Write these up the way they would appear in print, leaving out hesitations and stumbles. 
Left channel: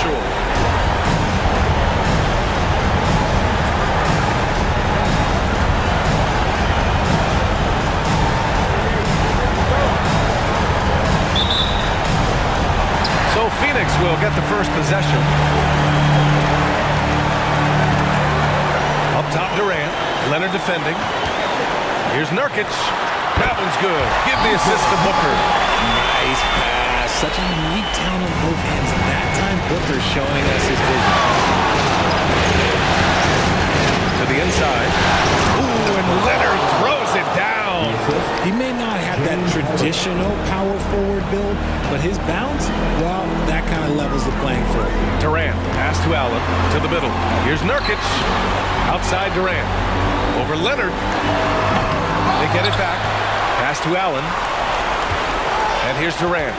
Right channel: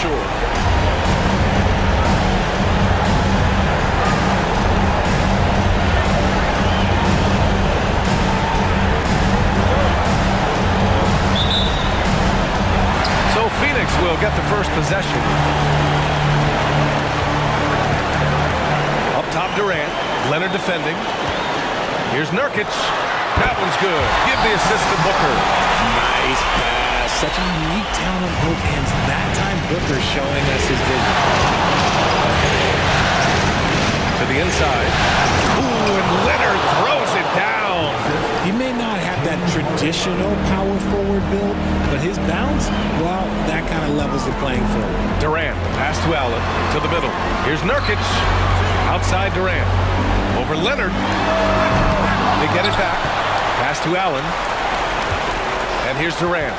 sure. So Phoenix will get the first possession. Up top, Durant. Leonard defending. Here's Nurkic. That one's good. Give the assist to Booker. Nice pass. Such a unique talent on both ends. That time, Booker showing us his vision. To the inside. Ooh, and Leonard throws it down. He may not have that traditional power forward build, but his bounce, well, that kind of levels the playing field. Durant, the pass to Allen. To the middle. Here's Nurkic. Outside Durant. Over Leonard. They get it back. Pass to Allen. And here's Durant.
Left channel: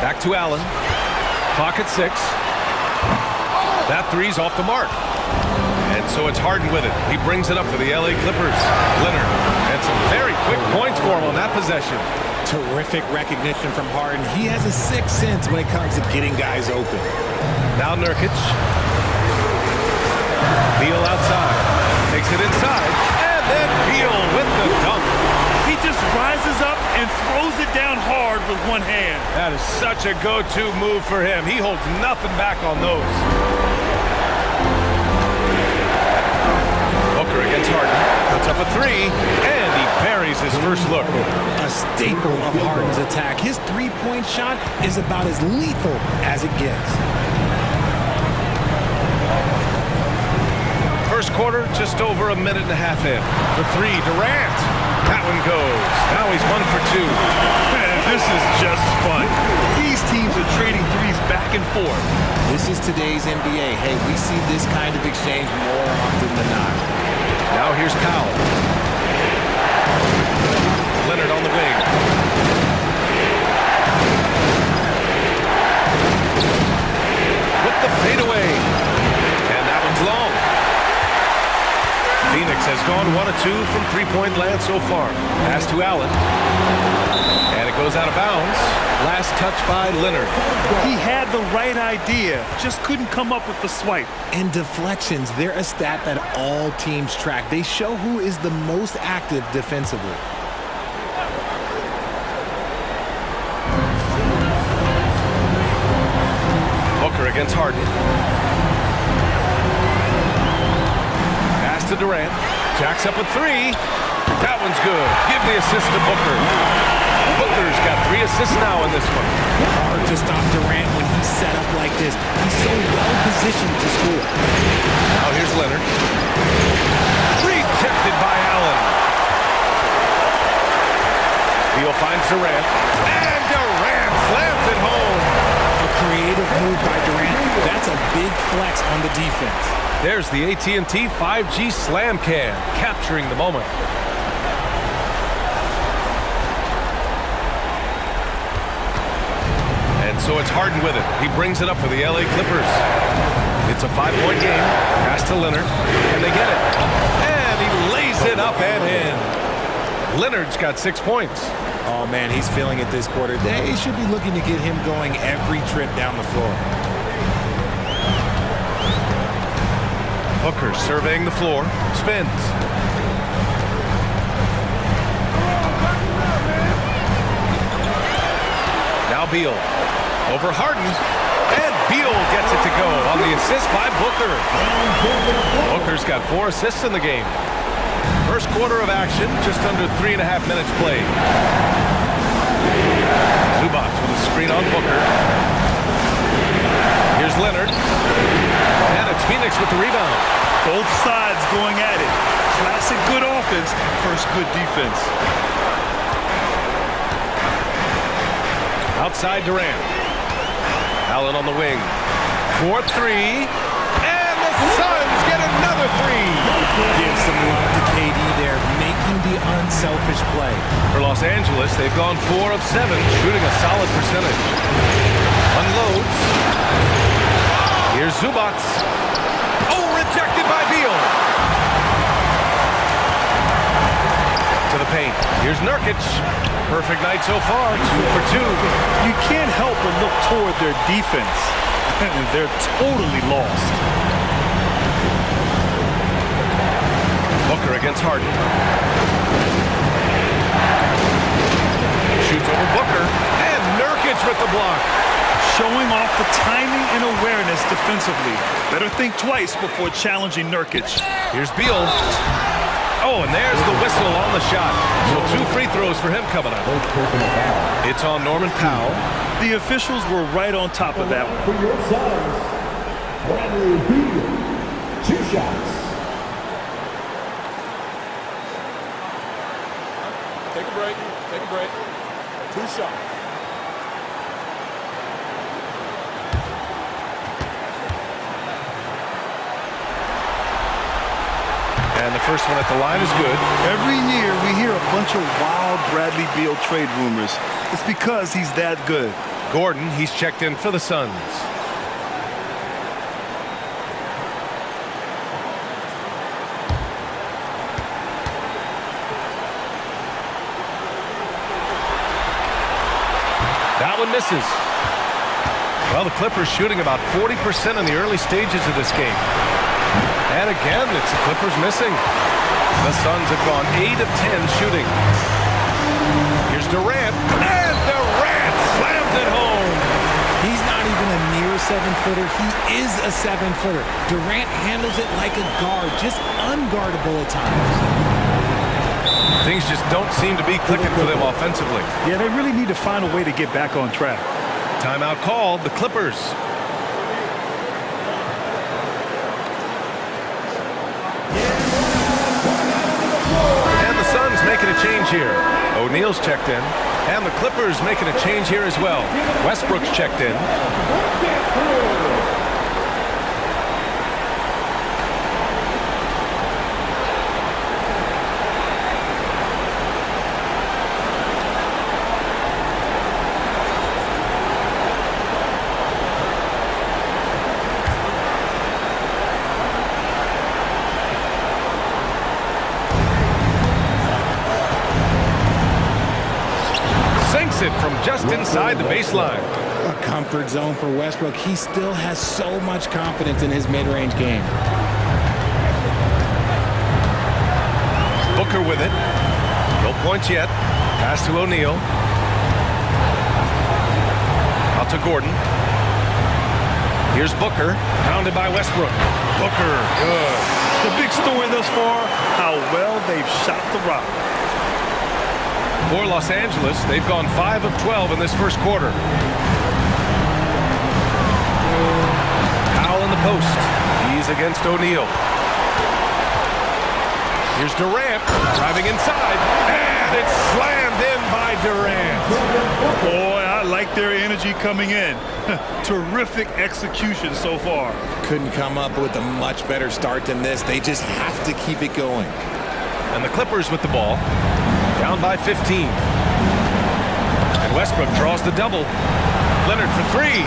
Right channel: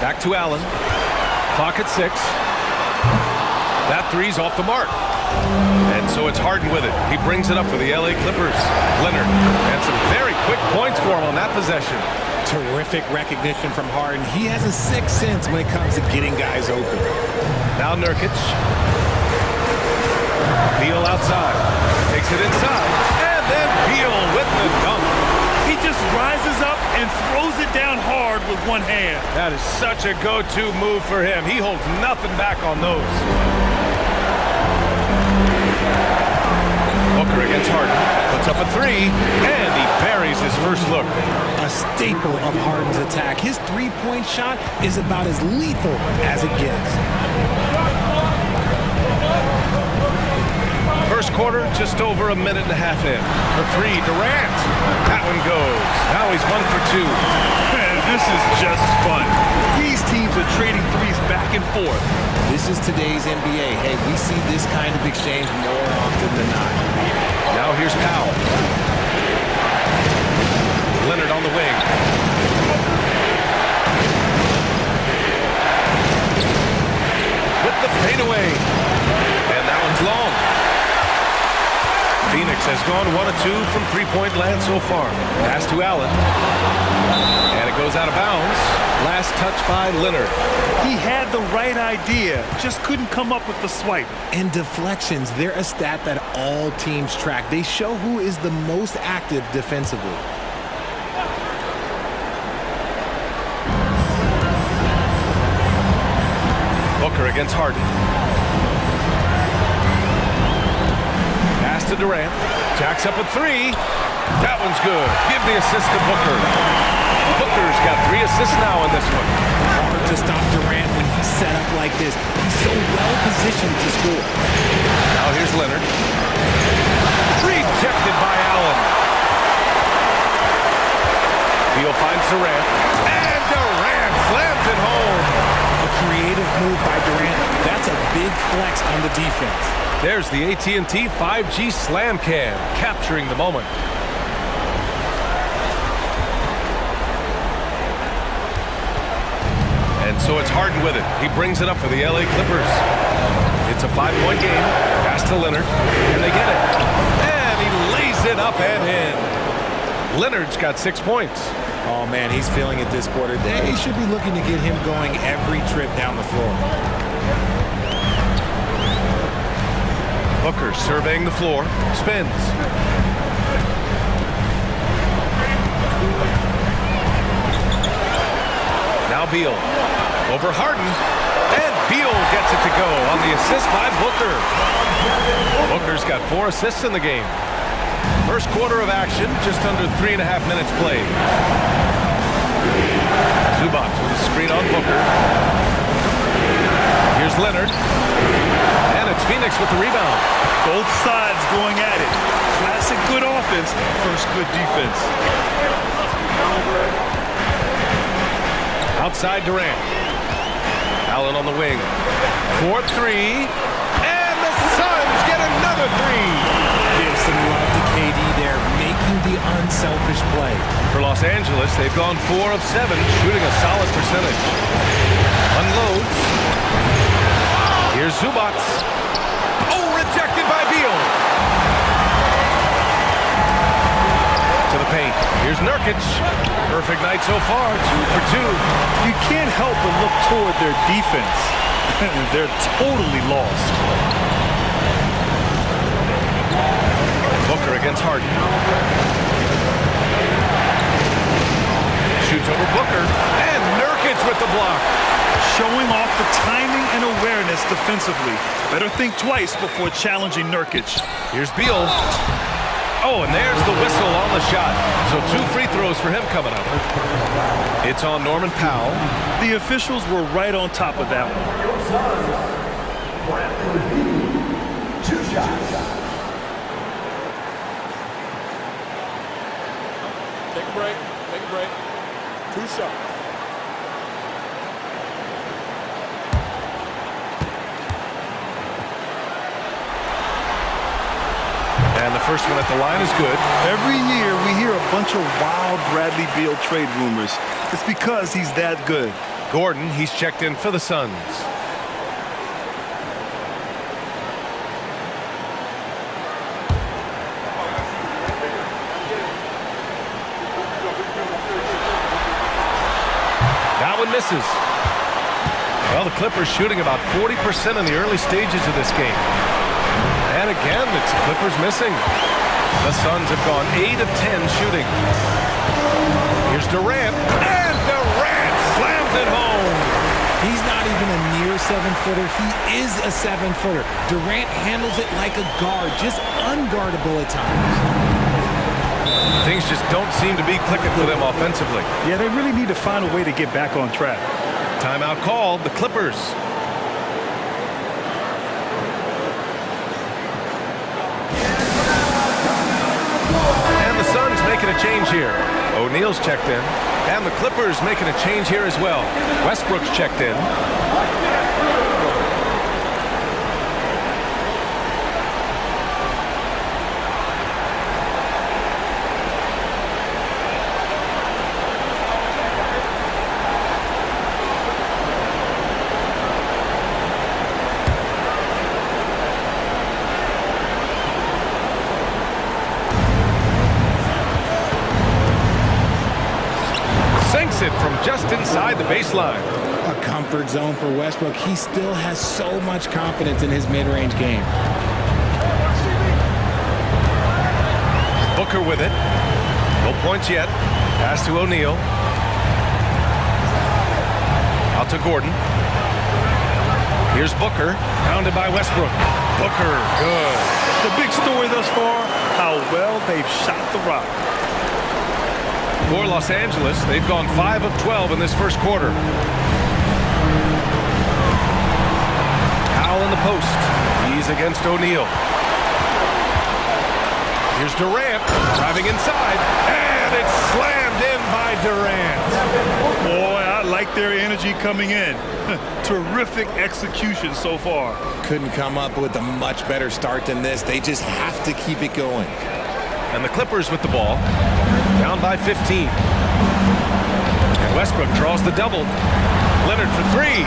Back to Allen. Clock at 6. That three's off the mark. And so it's Harden with it. He brings it up for the LA Clippers. Leonard. And some very quick points for him on that possession. Terrific recognition from Harden. He has a sixth sense when it comes to getting guys open. Now Nurkic. Beal outside. Takes it inside. And then Beal with the dunk. He just rises up and throws it down hard with one hand. That is such a go-to move for him. He holds nothing back on those. Booker against Harden. Puts up a three. And he buries his first look. A staple of Harden's attack. His three-point shot is about as lethal as it gets. First quarter, just over a minute and a half in. For three, Durant. That one goes. Now he's 1 for 2. Man, this is just fun. These teams are trading threes back and forth. This is today's NBA. Hey, we see this kind of exchange more often than not. Now here's Powell. Leonard on the wing. With the fadeaway. And that one's long. Phoenix has gone 1 of 2 from three-point land so far. Pass to Allen. And it goes out of bounds. Last touch by Leonard. He had the right idea, just couldn't come up with the swipe. And deflections, they're a stat that all teams track. They show who is the most active defensively. Booker against Harden. Pass to Durant. Jacks up a three. That one's good. Give the assist to Booker. Booker's got 3 assists now in this one. Hard to stop Durant when he's set up like this. He's so well positioned to score. Now here's Leonard. Rejected by Allen. Beal finds Durant. And Durant slams it home. A creative move by Durant. That's a big flex on the defense. There's the AT&T 5G Slam Cam, capturing the moment. And so it's Harden with it. He brings it up for the LA Clippers. It's a 5-point game. Pass to Leonard. Can they get it? And he lays it up and in. Leonard's got 6 points. Oh, man, he's feeling it this quarter. They should be looking to get him going every trip down the floor. Booker surveying the floor. Spins. Now Beal. Over Harden. And Beal gets it to go on the assist by Booker. Booker's got 4 assists in the game. First quarter of action, just under 3.5 minutes played. Zubac with a screen on Booker. Here's Leonard. And it's Phoenix with the rebound. Both sides going at it. Classic good offense, first good defense. Outside Durant. Allen on the wing. 4-3. And the Suns get another 3. Give some love to KD there, making the unselfish play. For Los Angeles, they've gone 4 of 7, shooting a solid percentage. Unloads. Here's Zubac. Oh, rejected by Beal. To the paint. Here's Nurkic. Perfect night so far, 2 for 2. You can't help but look toward their defense. and they're totally lost. Booker against Harden. Shoots over Booker. And Nurkic with the block. Showing off the timing and awareness defensively. Better think twice before challenging Nurkic. Here's Beal. Oh, and there's the whistle on the shot. So 2 free throws for him coming up. It's on Norman Powell. The officials were right on top of that one. For your Suns, Bradley Beal, 2 shots. Take a break. Take a break. 2 shots. And the first one at the line is good. Every year we hear a bunch of wild Bradley Beal trade rumors. It's because he's that good. Gordon, he's checked in for the Suns. That one misses. Well, the Clippers shooting about 40% in the early stages of this game. And again, it's the Clippers missing. The Suns have gone 8 of 10 shooting. Here's Durant, and Durant slams it home. He's not even a near 7-footer. He is a 7-footer. Durant handles it like a guard, just unguardable at times. Things just don't seem to be clicking for them offensively. Yeah, they really need to find a way to get back on track. Timeout called, the Clippers. And the Suns making a change here. O'Neal's checked in. And the Clippers making a change here as well. Westbrook's checked in. Sinks it from just inside the baseline. A comfort zone for Westbrook. He still has so much confidence in his mid-range game. Booker with it. No points yet. Pass to O'Neal. Out to Gordon. Here's Booker. Pounded by Westbrook. Booker, good. The big story thus far, how well they've shot the rock. For Los Angeles, they've gone 5 of 12 in this first quarter. Powell in the post. He's against O'Neal. Here's Durant driving inside, and it's slammed in by Durant. Boy, I like their energy coming in. Terrific execution so far. Couldn't come up with a much better start than this. They just have to keep it going. And the Clippers with the ball. Down by 15. And Westbrook draws the double. Leonard for 3.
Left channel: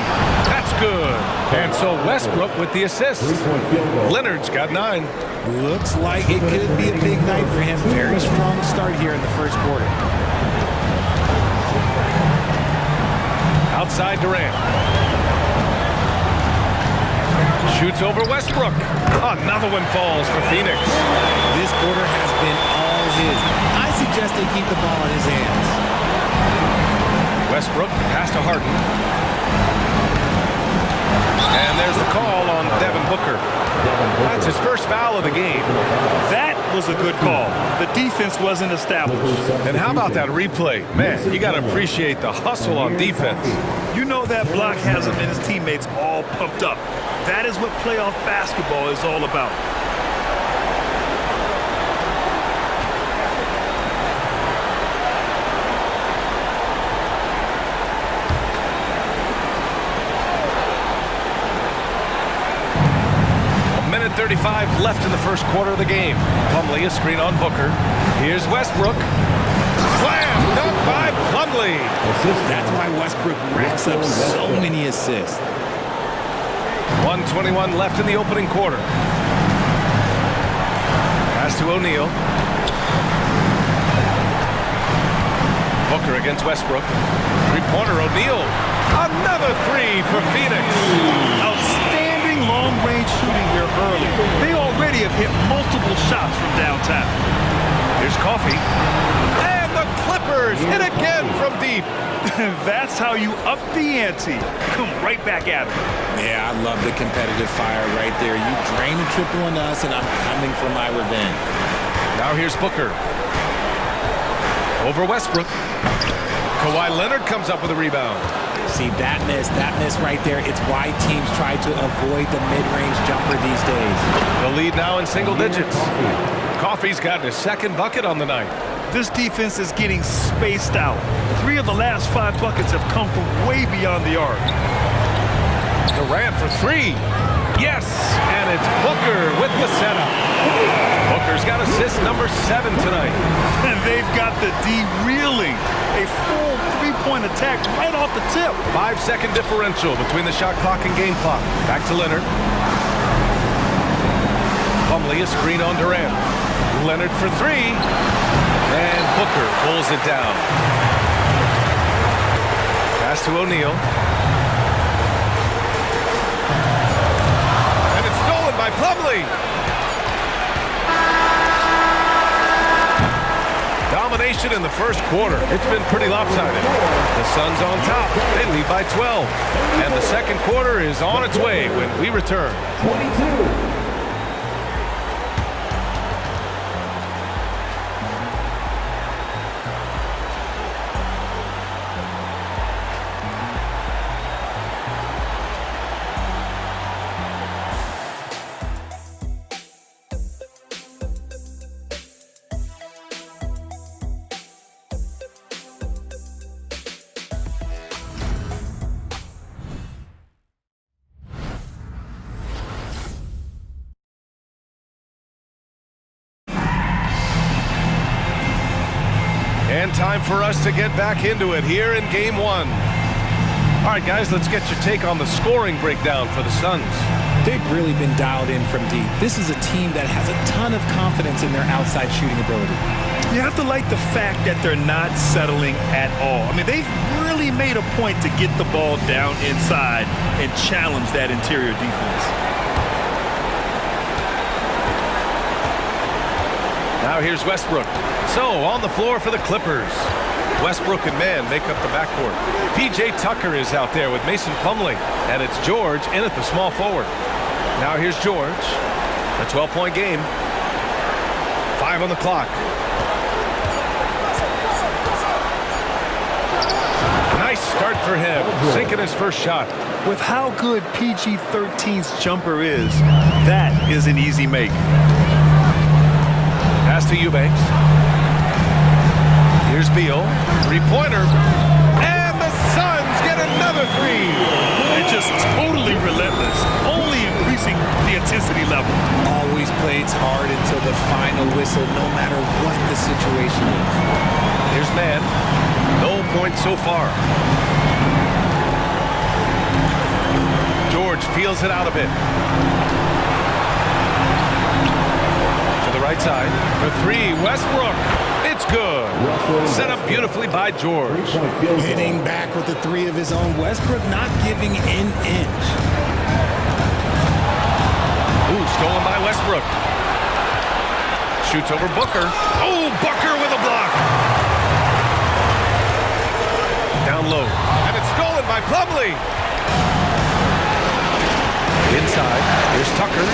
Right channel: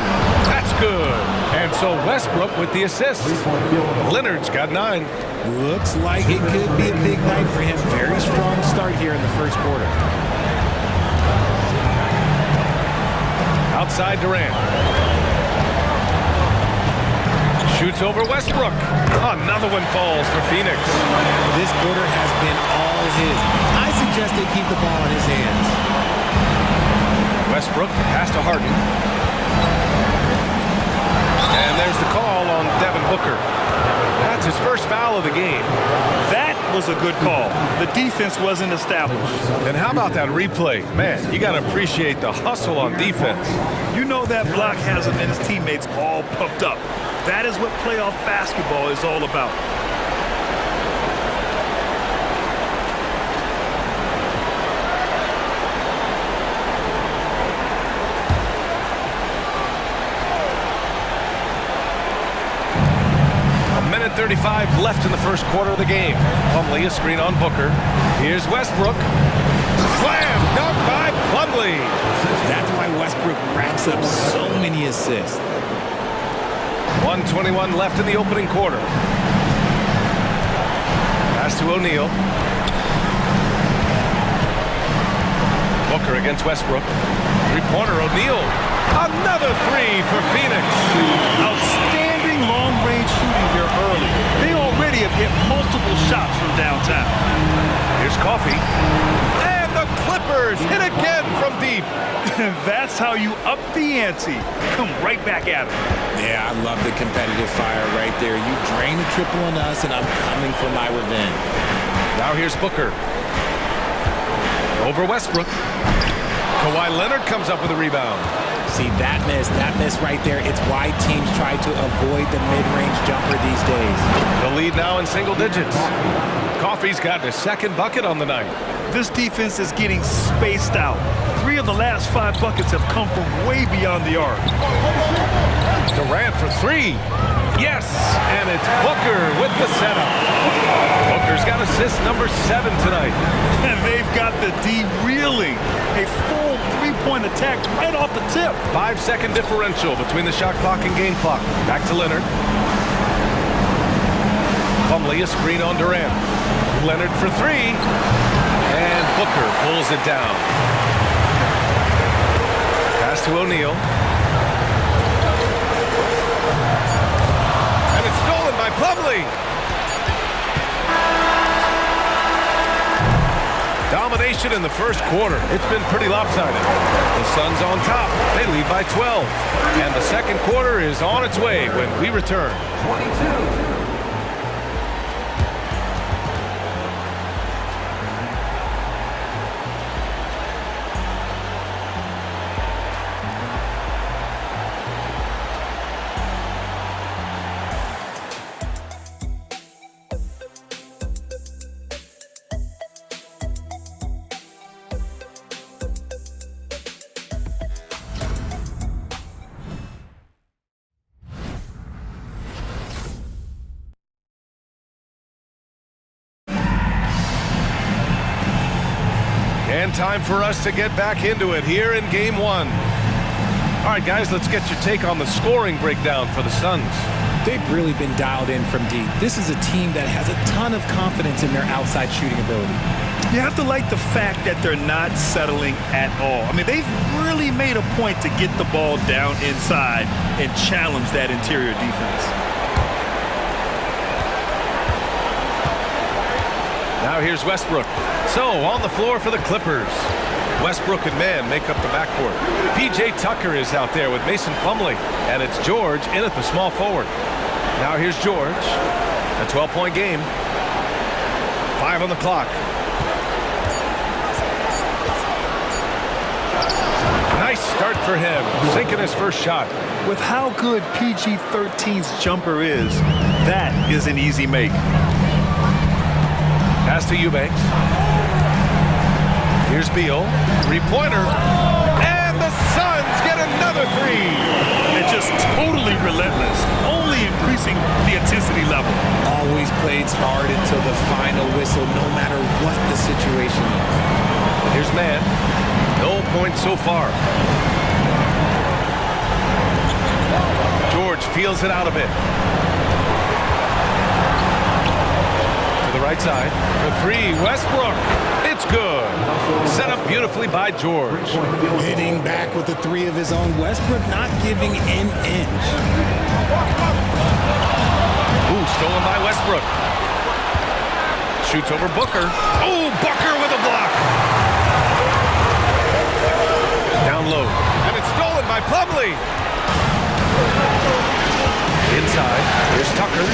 That's good. And so Westbrook with the assist. Leonard's got 9. Looks like it could be a big night for him. Very strong start here in the first quarter. Outside Durant. Shoots over Westbrook. Another one falls for Phoenix. This quarter has been all his. I suggest they keep the ball in his hands. Westbrook, the pass to Harden. And there's the call on Devin Booker. That's his first foul of the game. That was a good call. The defense wasn't established. And how about that replay? Man, you got to appreciate the hustle on defense. You know that block has him and his teammates all pumped up. That is what playoff basketball is all about. Minute 35 left in the first quarter of the game. Plumlee, a screen on Booker. Here's Westbrook. Slam dunk by Plumlee. That's why Westbrook racks up so many assists. 1:21 left in the opening quarter. Pass to O'Neal. Booker against Westbrook. Three-pointer O'Neal. Another three for Phoenix. Outstanding long-range shooting here early. They already have hit multiple shots from downtown. Here's Coffee. And the Clippers hit again from deep. That's how you up the ante. Come right back at him. Yeah, I love the competitive fire right there. You drain a triple on us, and I'm coming for my revenge. Now here's Booker. Over Westbrook. Kawhi Leonard comes up with a rebound. See, that miss right there. It's why teams try to avoid the mid-range jumper these days. The lead now in single digits. Coffee's got his second bucket on the night. This defense is getting spaced out. 3 of the last 5 buckets have come from way beyond the arc. Durant for 3. Yes, and it's Booker with the setup. Booker's got assist number 7 tonight. And they've got the D reeling. A full 3-point attack right off the tip. 5-second differential between the shot clock and game clock. Back to Leonard. Plumlee, a screen on Durant. Leonard for 3. And Booker pulls it down. Pass to O'Neal. And it's stolen by Plumlee. Domination in the first quarter. It's been pretty lopsided. The Suns on top. They lead by 12. And the second quarter is on its way when we return. 22. And time for us to get back into it here in Game 1. All right, guys, let's get your take on the scoring breakdown for the Suns. They've really been dialed in from deep. This is a team that has a ton of confidence in their outside shooting ability. You have to like the fact that they're not settling at all. I mean, they've really made a point to get the ball down inside and challenge that interior defense. Now here's Westbrook. So, on the floor for the Clippers. Westbrook and Mann make up the backcourt. P.J. Tucker is out there with Mason Plumlee. And it's George in at the small forward. Now here's George. A 12-point game. 5 on the clock. Nice start for him. Sinking his first shot. With how good PG-13's jumper is, that is an easy make. Pass to Eubanks. Here's Beal. 3-pointer. And the Suns get another 3. And just totally relentless, only increasing the intensity level. Always plays hard until the final whistle, no matter what the situation is. Here's Mann. No points so far. George feels it out a bit. To the right side. For 3, Westbrook. It's good. Set up beautifully by George. Hitting back with the 3 of his own. Westbrook not giving an inch. Ooh, stolen by Westbrook. Shoots over Booker. Oh, Booker with a block. Down low. And it's stolen by Plumlee. Inside. Here's Tucker.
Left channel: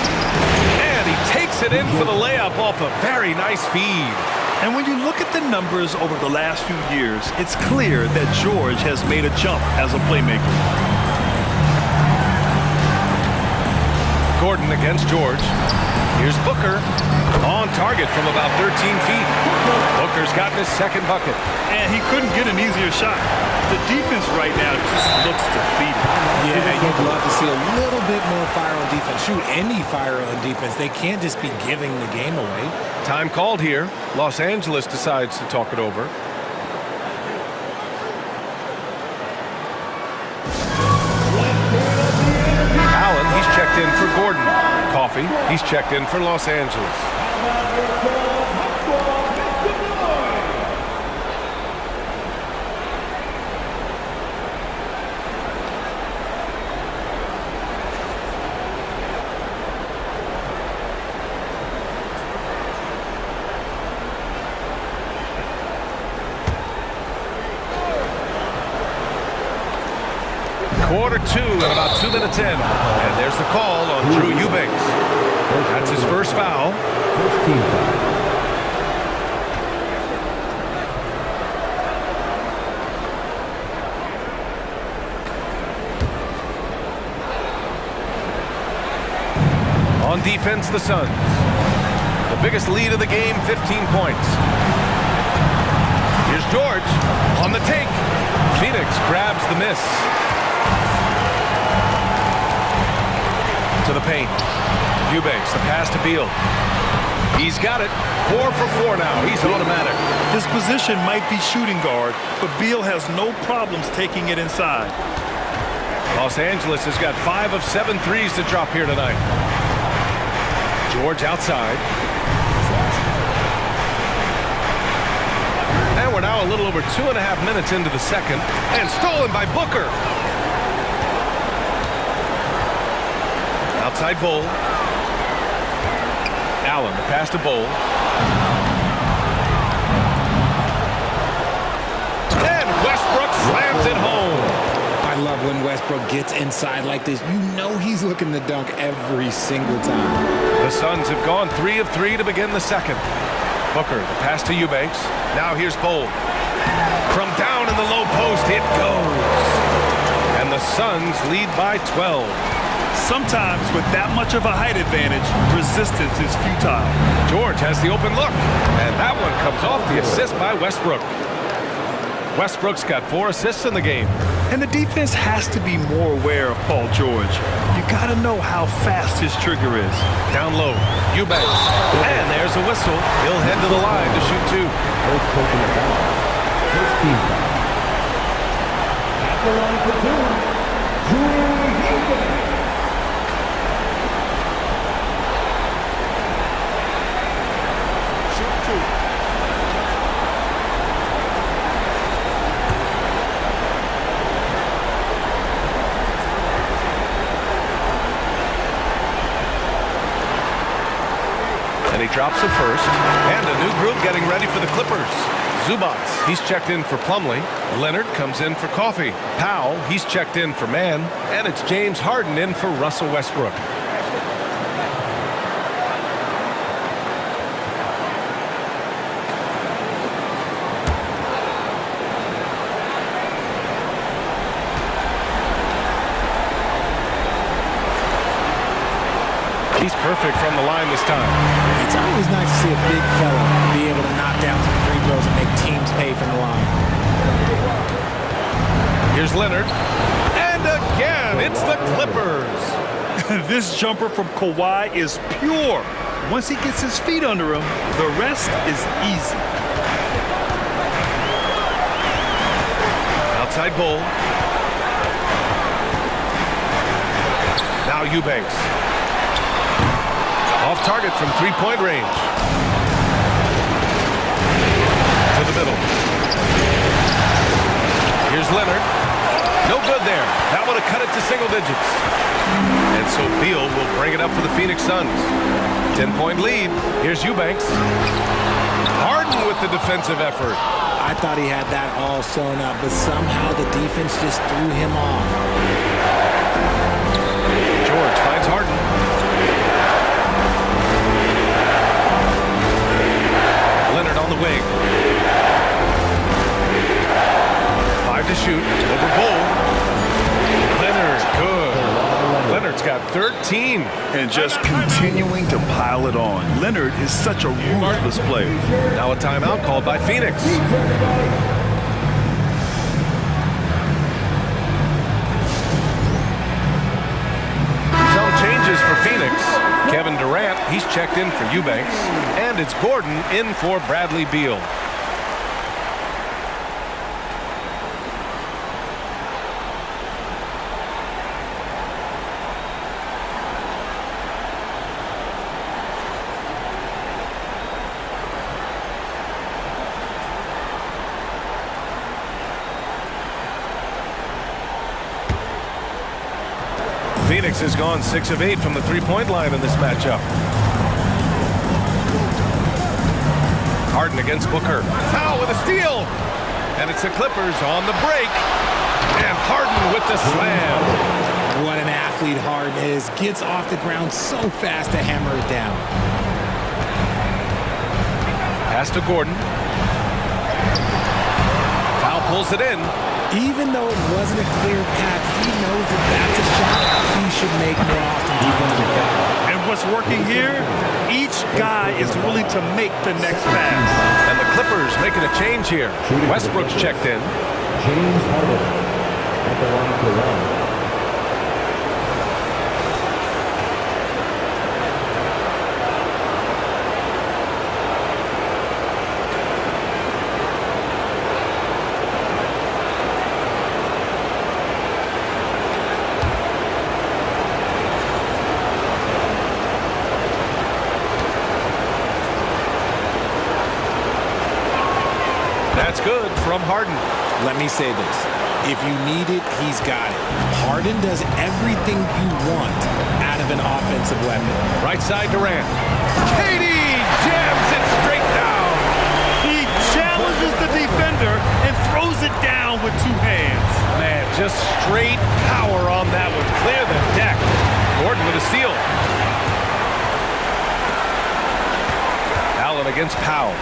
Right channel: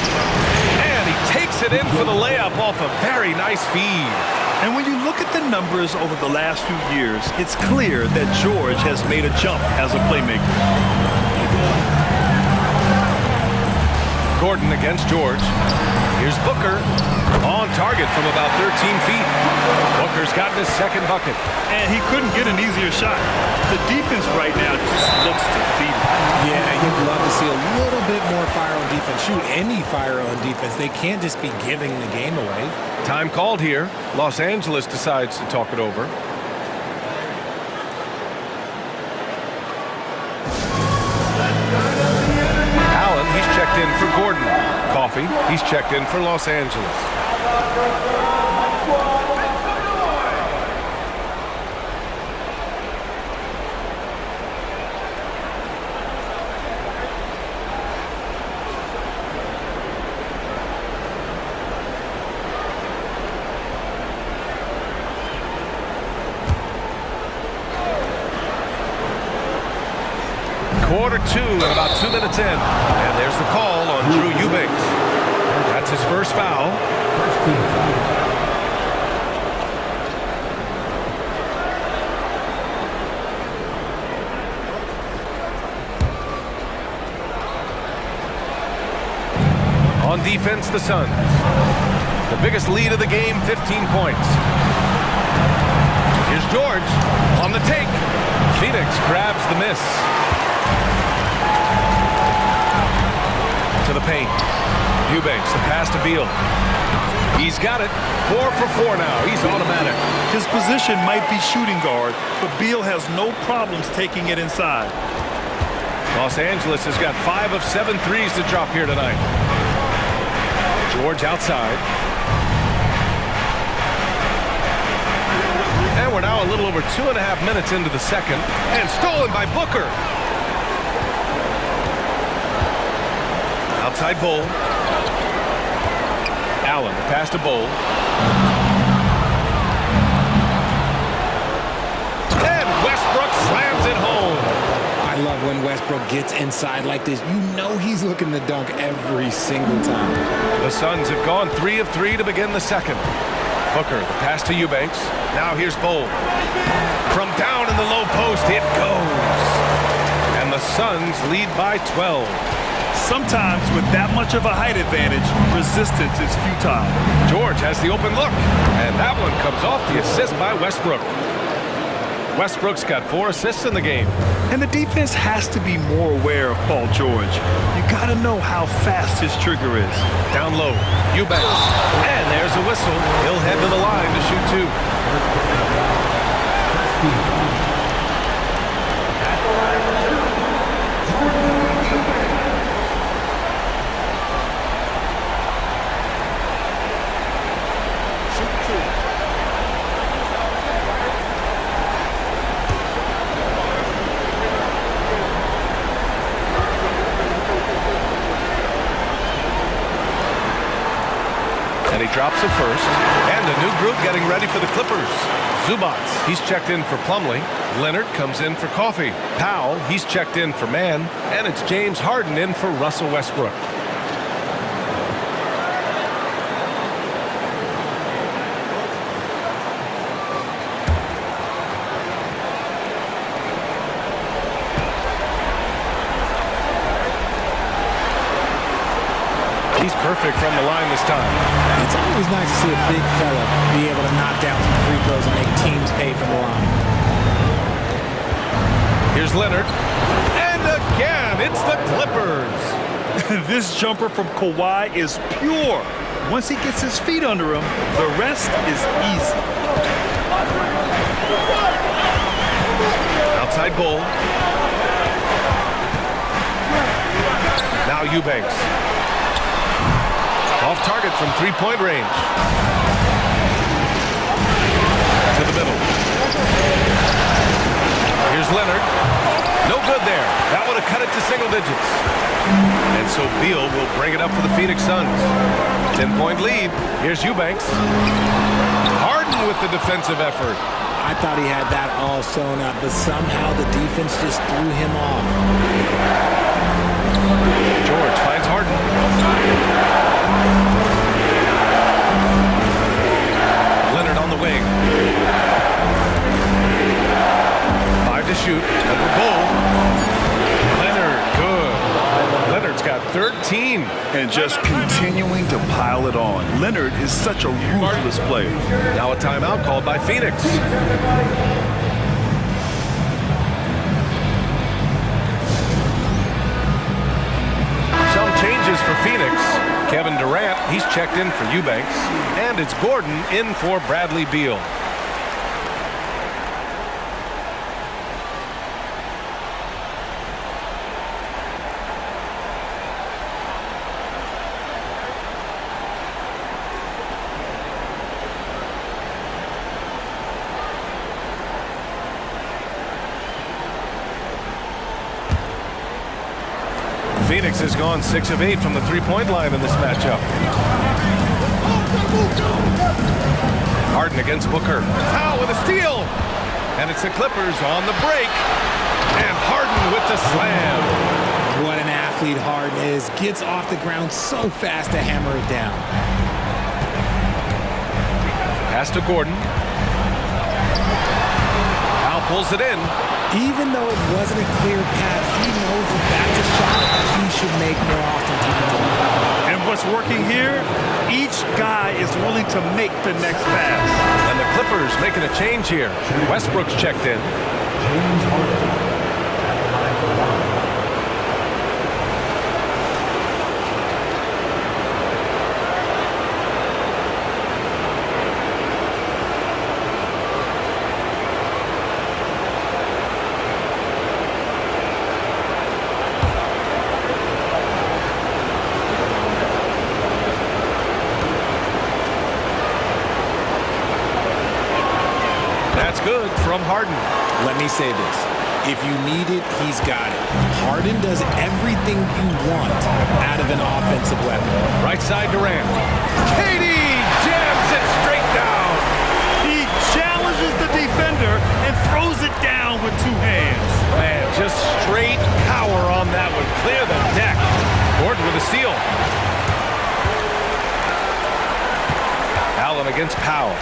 And he takes it in for the layup off a very nice feed. And when you look at the numbers over the last few years, it's clear that George has made a jump as a playmaker. Gordon against George. Here's Booker. On target from about 13 feet. Booker's gotten his second bucket. And he couldn't get an easier shot. The defense right now just looks defeated. Yeah, you'd love to see a little bit more fire on defense. Shoot, any fire on defense. They can't just be giving the game away. Time called here. Los Angeles decides to talk it over. Allen, he's checked in for Gordon. Coffee, he's checked in for Los Angeles. Quarter two and about 2 minutes in. And there's the call on Drew Eubanks. That's his first foul. First team foul. On defense, the Suns. The biggest lead of the game, 15 points. Here's George on the take. Phoenix grabs the miss. To the paint. Eubanks, the pass to Beal. He's got it. 4 for 4 now. He's automatic. His position might be shooting guard, but Beal has no problems taking it inside. Los Angeles has got 5 of 7 threes to drop here tonight. George outside. And we're now a little over 2.5 minutes into the second. And stolen by Booker. Outside Bowl. Allen, the pass to Bowl. And Westbrook slams it home. I love when Westbrook gets inside like this. You know he's looking to dunk every single time. The Suns have gone 3 of 3 to begin the second. Booker, the pass to Eubanks. Now here's Bowl. From down in the low post, it goes. And the Suns lead by 12. Sometimes with that much of a height advantage, resistance is futile. George has the open look. And that one comes off the assist by Westbrook. Westbrook's got 4 assists in the game. And the defense has to be more aware of Paul George. You got to know how fast his trigger is. Down low, Eubanks. And there's a whistle. He'll head to the line to shoot 2. First personal foul. First team foul. At the line for 2, Drew Eubanks. Shoot 2. And he drops it first. And a new group getting ready for the Clippers. Zubats, he's checked in for Plumlee. Leonard comes in for Coffee. Powell, he's checked in for Mann. And it's James Harden in for Russell Westbrook. He's perfect from the line this time. It's always nice to see a big fella be able to knock down some free throws and make teams pay from the line. Here's Leonard. And again, it's the Clippers. This jumper from Kawhi is pure. Once he gets his feet under him, the rest is easy. Outside Bull. Now Eubanks. Off target from three-point range. To the middle. Here's Leonard. No good there. That would have cut it to single digits. And so Beal will bring it up for the Phoenix Suns. 10-point lead. Here's Eubanks. Harden with the defensive effort. I thought he had that all sewn up, but somehow the defense just threw him off. George finds Harden. Leonard on the wing. 5 to shoot. Over Bull. Leonard, good. Leonard's got 13. And just continuing to pile it on. Leonard is such a ruthless player. Now a timeout called by Phoenix. Some changes for Phoenix. Kevin Durant, he's checked in for Eubanks. And it's Gordon in for Bradley Beal. Phoenix has gone 6 of 8 from the three-point line in this matchup. Harden against Booker. Powell with a steal. And it's the Clippers on the break. And Harden with the slam. What an athlete Harden is. Gets off the ground so fast to hammer it down. Pass to Gordon. Powell pulls it in. Even though it wasn't a clear path, he knows that that's a shot he should make more often defensively. And what's working here, each guy is willing to make the next pass. And the Clippers making a change here. Westbrook's checked in. James Harden at the line for one. That's good from Harden. Let me say this. If you need it, he's got it. Harden does everything you want out of an offensive weapon. Right side Durant. KD jams it straight down. He challenges the defender and throws it down with two hands. Man, just straight power on that one. Clear the deck. Gordon with a steal. Allen against Powell.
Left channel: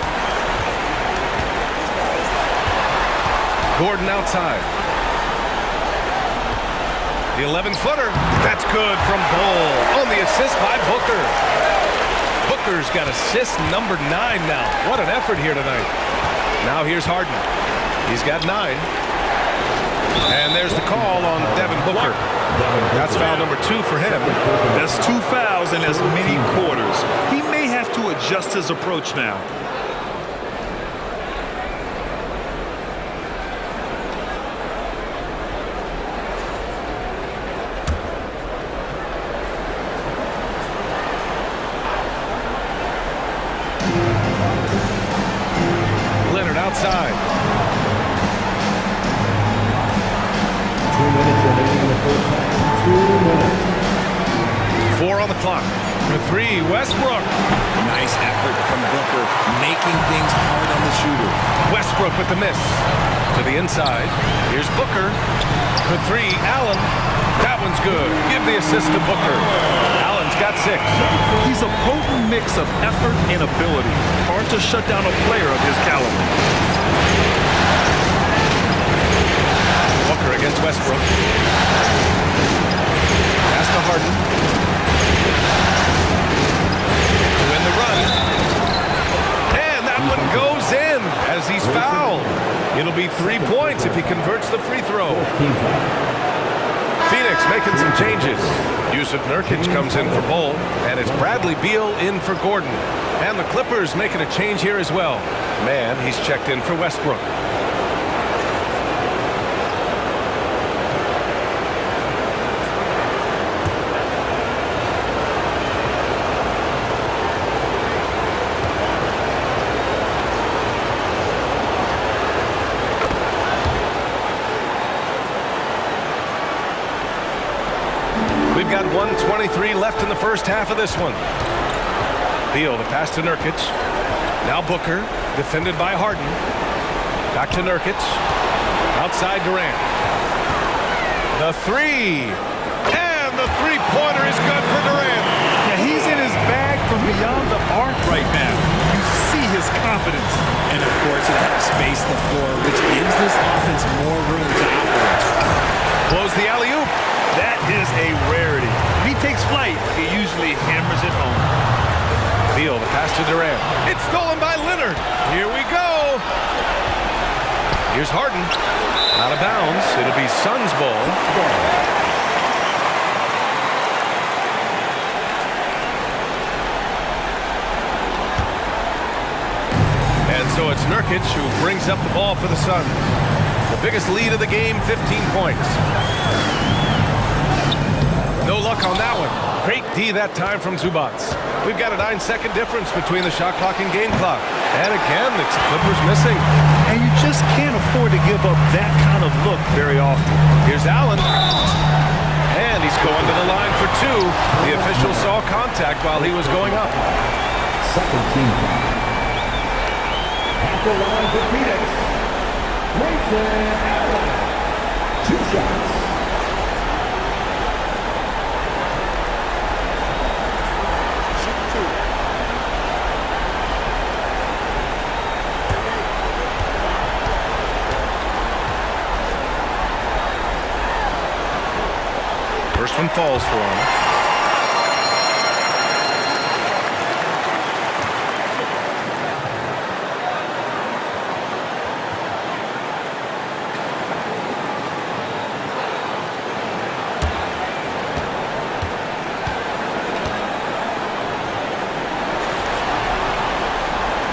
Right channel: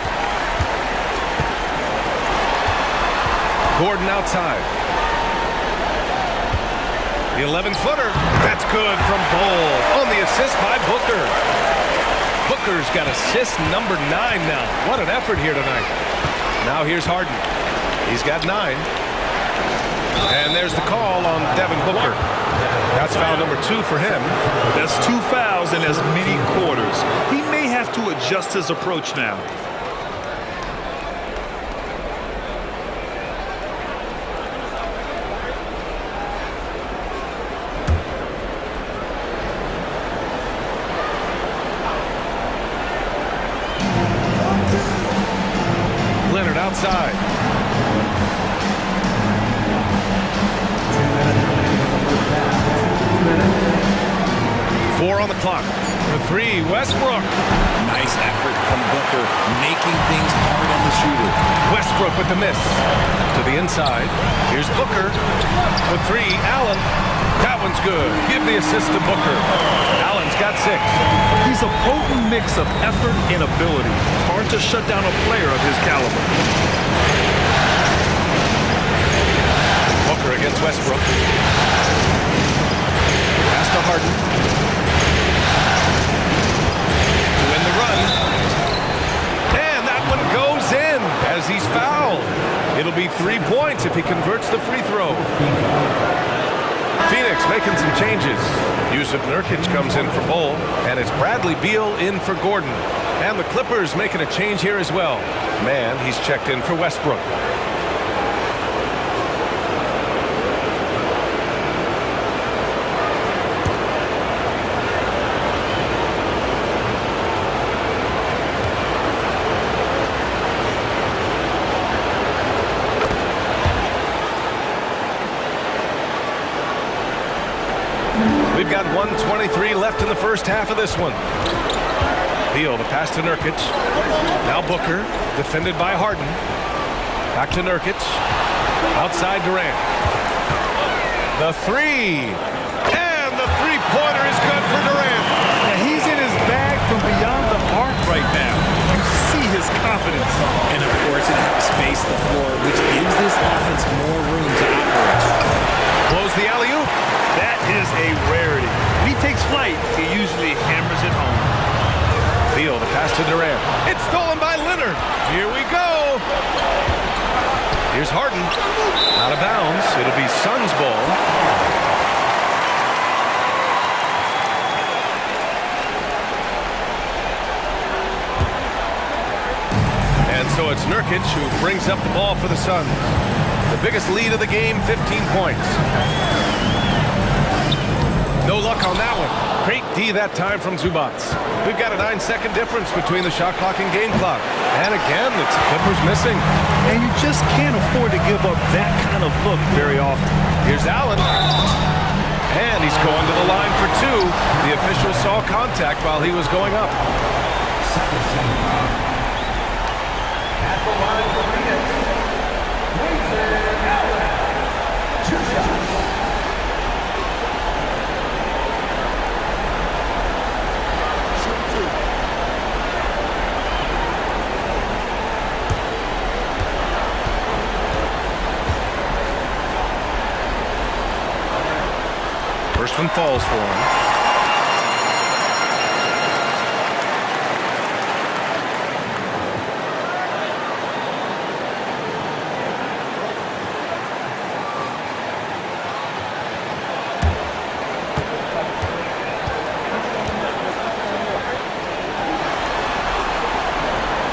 Gordon outside. The 11-footer. That's good from Bol. On the assist by Booker. Booker's got assist number 9 now. What an effort here tonight. Now here's Harden. He's got 9. And there's the call on Devin Booker. That's foul number 2 for him. That's 2 fouls in as many quarters. He may have to adjust his approach now. Leonard outside. 2 minutes remaining in the first half. 2 minutes. 4 on the clock. For 3, Westbrook. Nice effort from Booker, making things hard on the shooter. Westbrook with the miss. To the inside. Here's Booker. For 3, Allen. That one's good. Give the assist to Booker. Allen's got 6. He's a potent mix of effort and ability. Hard to shut down a player of his caliber. Booker against Westbrook. Pass to Harden. To win the run. And that one goes in as he's fouled. It'll be 3 points if he converts the free throw. Phoenix making some changes. Yusuf Nurkic comes in for Bol, and it's Bradley Beal in for Gordon. And the Clippers making a change here as well. Man, he's checked in for Westbrook. We've got 1:23 left in the first half of this one. Beal, the pass to Nurkic. Now Booker, defended by Harden. Back to Nurkic. Outside Durant. The 3. And the three-pointer is good for Durant. Yeah, he's in his bag from beyond the arc right now. You see his confidence. And of course, it helps space the floor, which gives this offense more room to operate. Blows the alley-oop. That is a rarity. When he takes flight, he usually hammers it home. Beal, the pass to Durant. It's stolen by Leonard. Here we go. Here's Harden. Out of bounds. It'll be Suns ball. And so it's Nurkic who brings up the ball for the Suns. The biggest lead of the game, 15 points. No luck on that one. Great D that time from Zubac. We've got a 9-second difference between the shot clock and game clock. And again, it's the Clippers missing. And you just can't afford to give up that kind of look very often. Here's Allen. And he's going to the line for 2. The official saw contact while he was going up. Second team foul. At the line for Phoenix, Grayson Allen. 2 shots. Shoot 2. First one falls for him.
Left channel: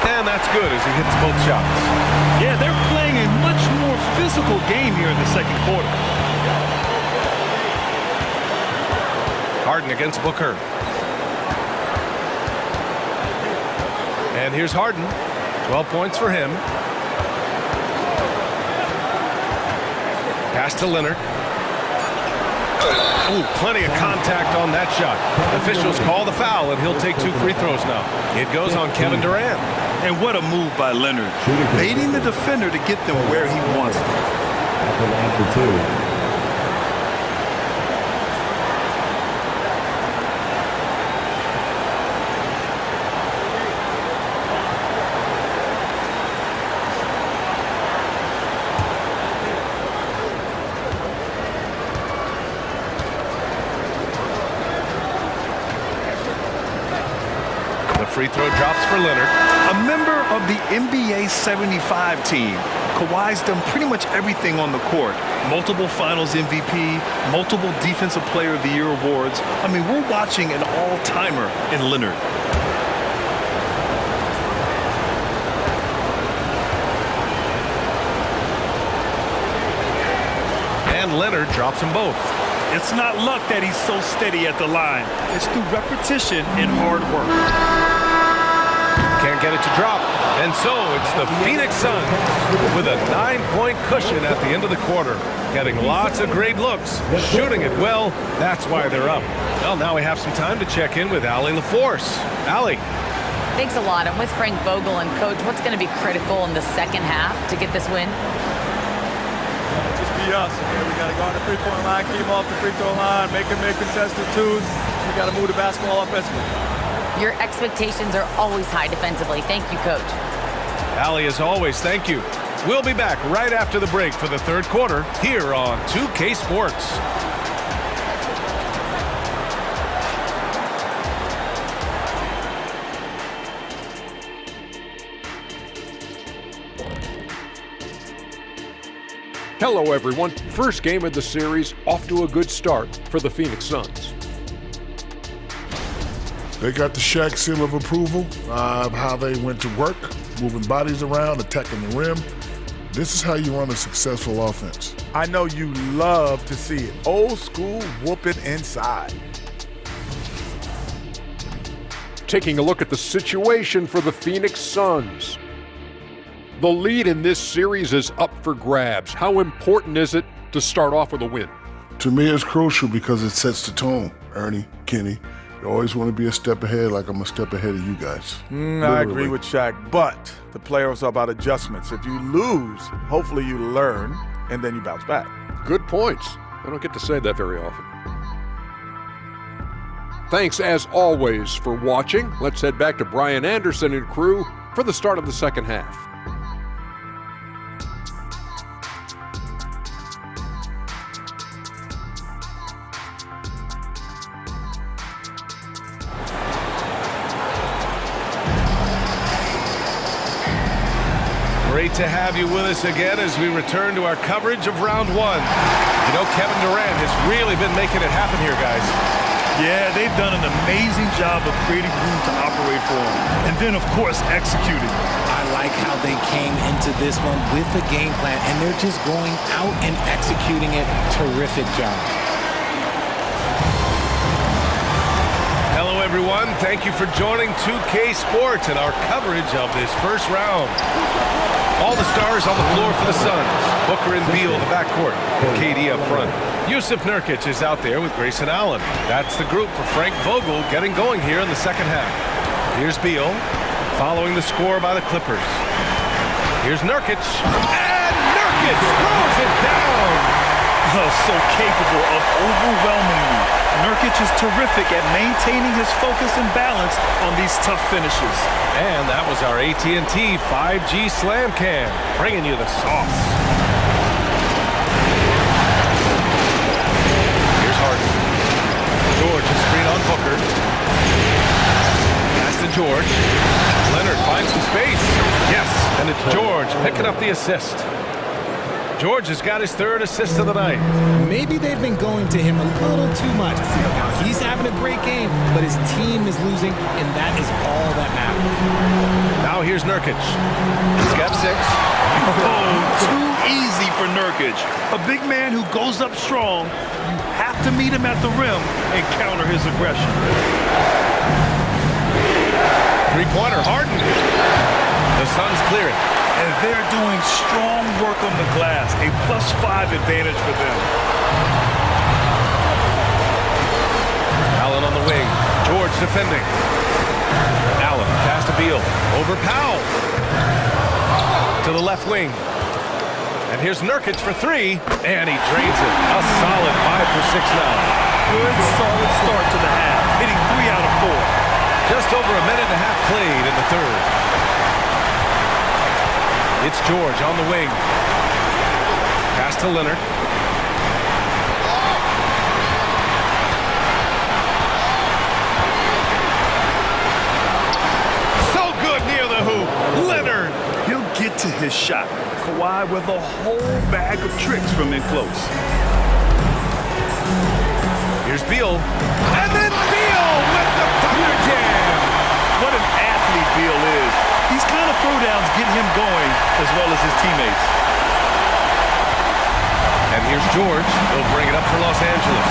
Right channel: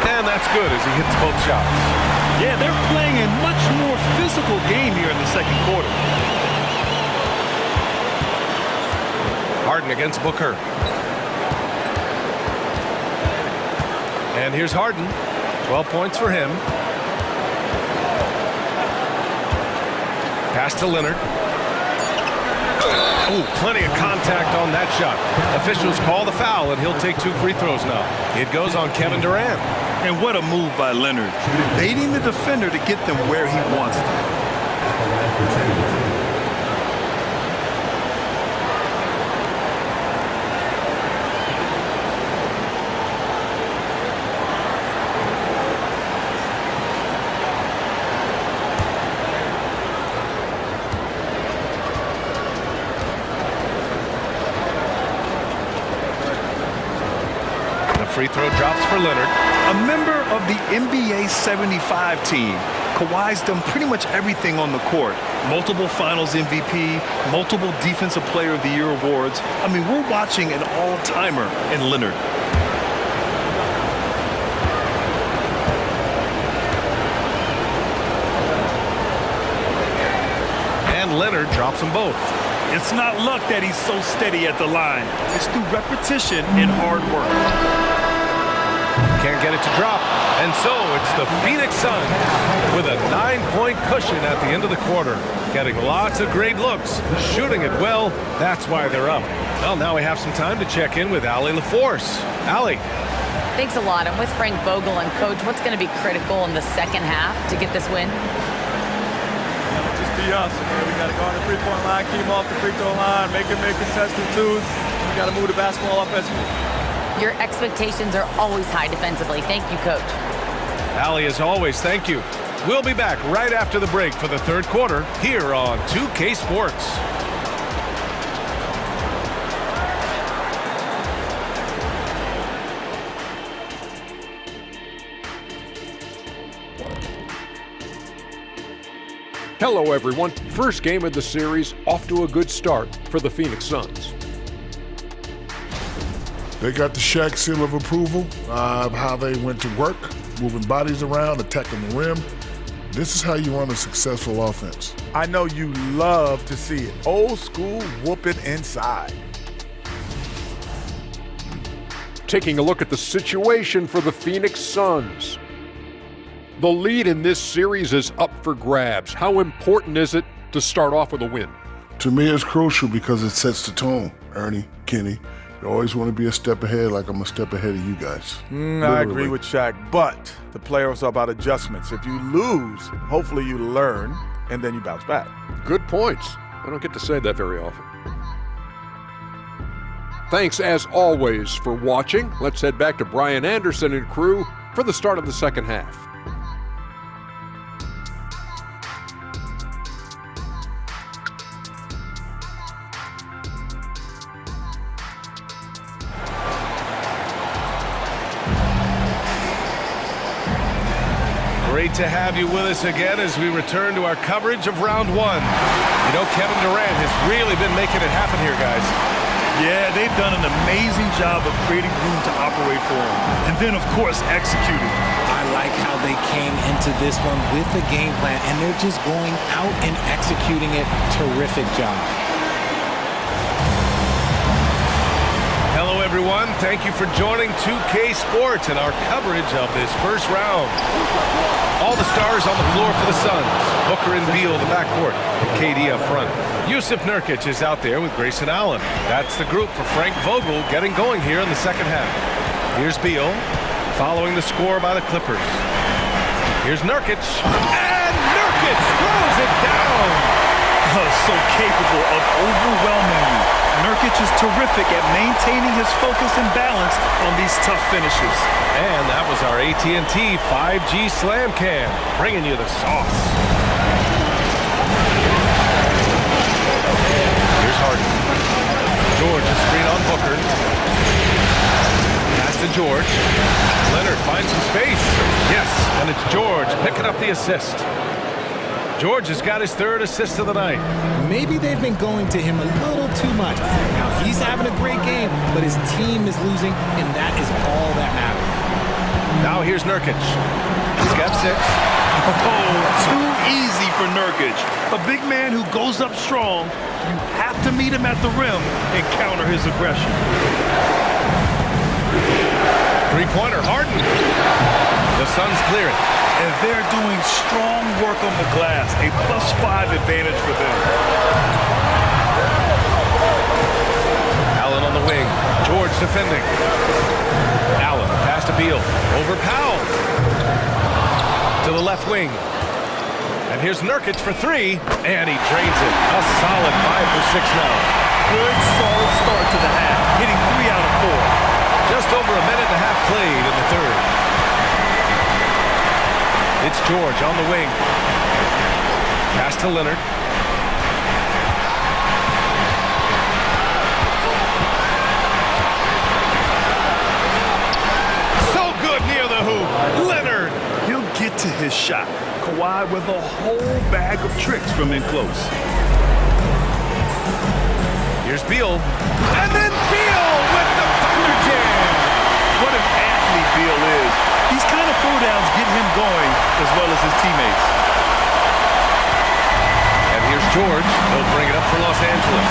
And that's good as he hits both shots. Yeah, they're playing a much more physical game here in the second quarter. Harden against Booker. And here's Harden. 12 points for him. Pass to Leonard. Oh, plenty of contact on that shot. Officials call the foul, and he'll take 2 free throws now. It goes on Kevin Durant. And what a move by Leonard. Baiting the defender to get them where he wants them. At the line for 2. The free throw drops for Leonard. A member of the NBA 75 team, Kawhi's done pretty much everything on the court. Multiple Finals MVP, multiple Defensive Player of the Year awards. I mean, we're watching an all-timer in Leonard. And Leonard drops them both. It's not luck that he's so steady at the line. It's through repetition and hard work. Can't get it to drop. And so it's the Phoenix Suns with a 9-point cushion at the end of the quarter. Getting lots of great looks, shooting it well. That's why they're up. Well, now we have some time to check in with Allie LaForce. Allie. Thanks a lot. I'm with Frank Vogel. And, Coach, what's going to be critical in the second half to get this win? Just be us. Okay? We got to go on the three-point line, keep them off the free throw line, make them make contested twos. We got to move the basketball offensively. Your expectations are always high defensively. Thank you, Coach. Allie, as always, thank you. We'll be back right after the break for the third quarter here on 2K Sports. Hello, everyone. First game of the series, off to a good start for the Phoenix Suns. They got the Shaq seal of approval, how they went to work, moving bodies around, attacking the rim. This is how you run a successful offense. I know you love to see it. Old school whooping inside. Taking a look at the situation for the Phoenix Suns. The lead in this series is up for grabs. How important is it to start off with a win? To me, it's crucial because it sets the tone. Ernie, Kenny, you always want to be a step ahead, like I'm a step ahead of you guys. I agree with Shaq, but the playoffs are about adjustments. If you lose, hopefully you learn, and then you bounce back. Good points. I don't get to say that very often. Thanks, as always, for watching. Let's head back to Brian Anderson and crew for the start of the second half. Great to have you with us again as we return to our coverage of round one. You know, Kevin Durant has really been making it happen here, guys. Yeah, they've done an amazing job of creating room to operate for him. And then, of course, executing. I like how they came into this one with a game plan, and they're just going out and executing it. Terrific job. Hello, everyone. Thank you for joining 2K Sports and our coverage of this first round. All the stars on the floor for the Suns. Booker and Beal, the backcourt, and KD up front. Jusuf Nurkic is out there with Grayson Allen. That's the group for Frank Vogel getting going here in the second half. Here's Beal, following the score by the Clippers. Here's Nurkic, and Nurkic throws it down. So capable of overwhelming you. Nurkic is terrific at maintaining his focus and balance on these tough finishes. And that was our AT&T 5G Slam Cam, bringing you the sauce. Here's Harden. George, a screen on Booker. Pass to George. Leonard finds some space. Yes, and it's George picking up the assist. George has got his third assist of the night. Maybe they've been going to him a little too much. Now he's having a great game, but his team is losing, and that is all that matters. Now here's Nurkic. He's got 6. Oh, too easy for Nurkic. A big man who goes up strong. You have to meet him at the rim and counter his aggression. Three-pointer, Harden. The Suns clear it. And they're doing strong work on the glass, a +5 advantage for them. Allen on the wing. George defending. Allen, pass to Beal. Over Powell. To the left wing. And here's Nurkic for 3, and he drains it. A solid 5 for 6 now. Good, solid start to the half, hitting 3 out of 4. Just over a minute and a half played in the third. It's George on the wing. Pass to Leonard. So good near the hoop. Leonard. He'll get to his shot. Kawhi with a whole bag of tricks from in close. Here's Beal. And then Beal with the Thunder Jam. What an athlete Beal is. These kind of throwdowns get him going as well as his teammates. And here's George. They'll bring it up for Los Angeles.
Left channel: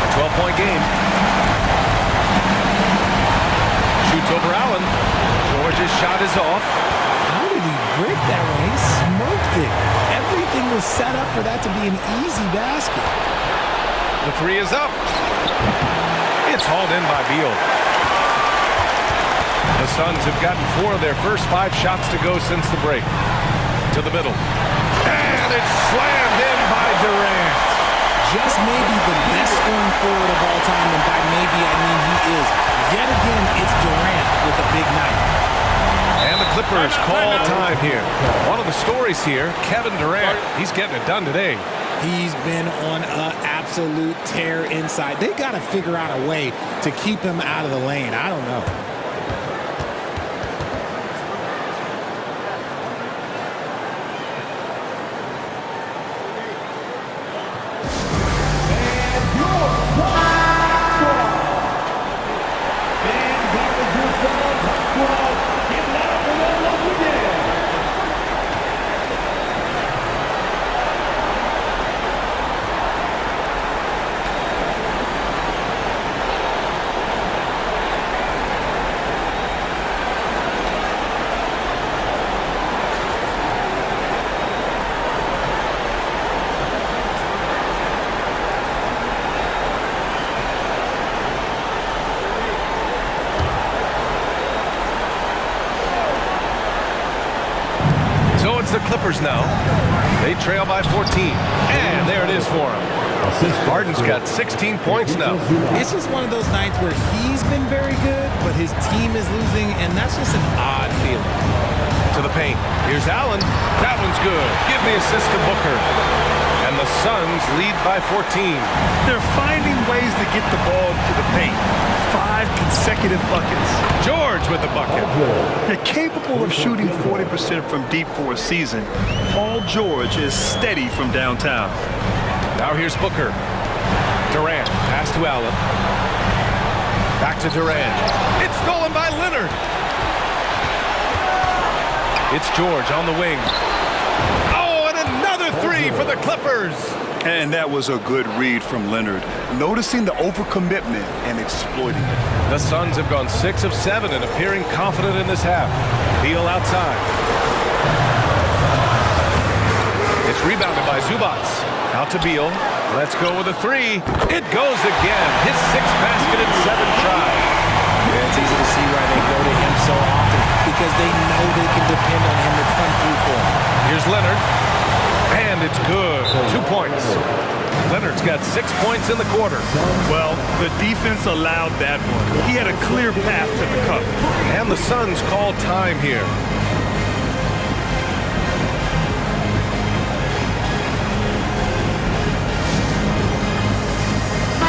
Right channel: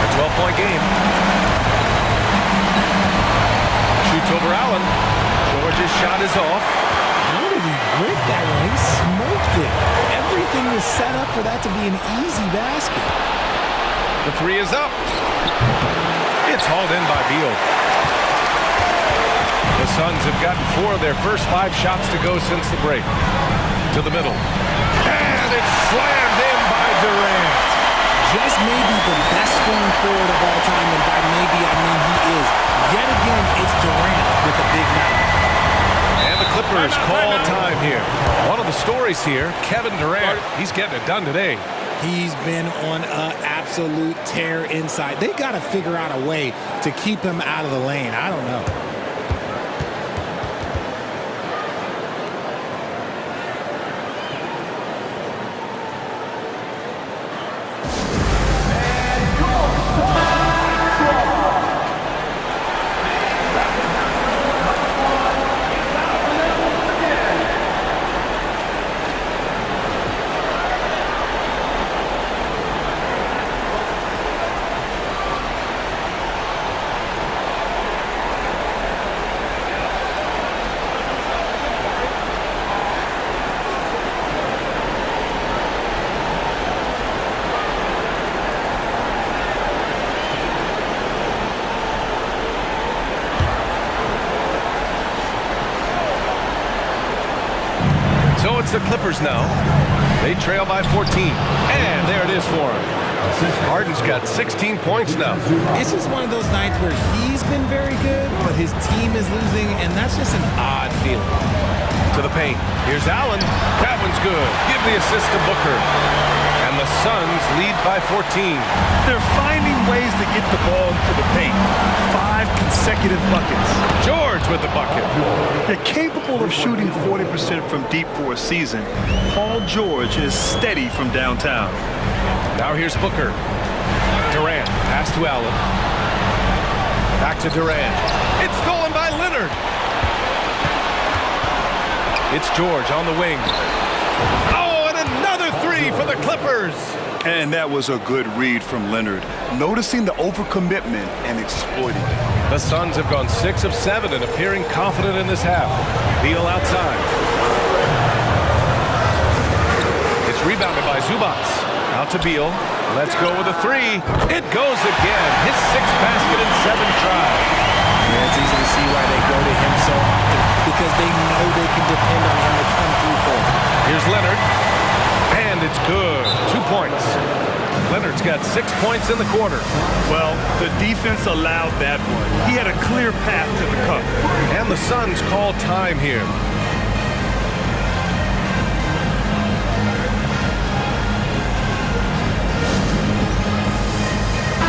A 12-point game. Shoots over Allen. George's shot is off. How did he break that one? He smoked it. Everything was set up for that to be an easy basket. The 3 is up. It's hauled in by Beal. The Suns have gotten 4 of their first 5 shots to go since the break. To the middle. And it's slammed in by Durant. Just maybe the best scoring forward of all time, and by maybe I mean he is. Yet again, it's Durant with a big night. And the Clippers call time here. One of the stories here, Kevin Durant, he's getting it done today. He's been on an absolute tear inside. They got to figure out a way to keep him out of the lane. I don't know. So it's the Clippers now. They trail by 14. And there it is for him. Harden's got 16 points now. It's just one of those nights where he's been very good, but his team is losing, and that's just an odd feeling. To the paint. Here's Allen. That one's good. Give the assist to Booker. And the Suns lead by 14. They're finding ways to get the ball to the paint. 5 consecutive buckets. George with the bucket. They're capable of shooting 40% from deep for a season. Paul George is steady from downtown. Now here's Booker. Durant. Pass to Allen. Back to Durant. It's stolen by Leonard. It's George on the wing. Oh, and another 3 for the Clippers. And that was a good read from Leonard, noticing the overcommitment and exploiting it. The Suns have gone 6 of 7 and appearing confident in this half. Beal outside. It's rebounded by Zubac. Out to Beal. Let's go with a 3. It goes again. His 6th basket in 7 tries. Yeah, it's easy to see why they go to him so often, because they know they can depend on him to come through for them. Here's Leonard. And it's good. 2 points. Leonard's got 6 points in the quarter. Well, the defense allowed that one. He had a clear path to the cup. And the Suns call time here.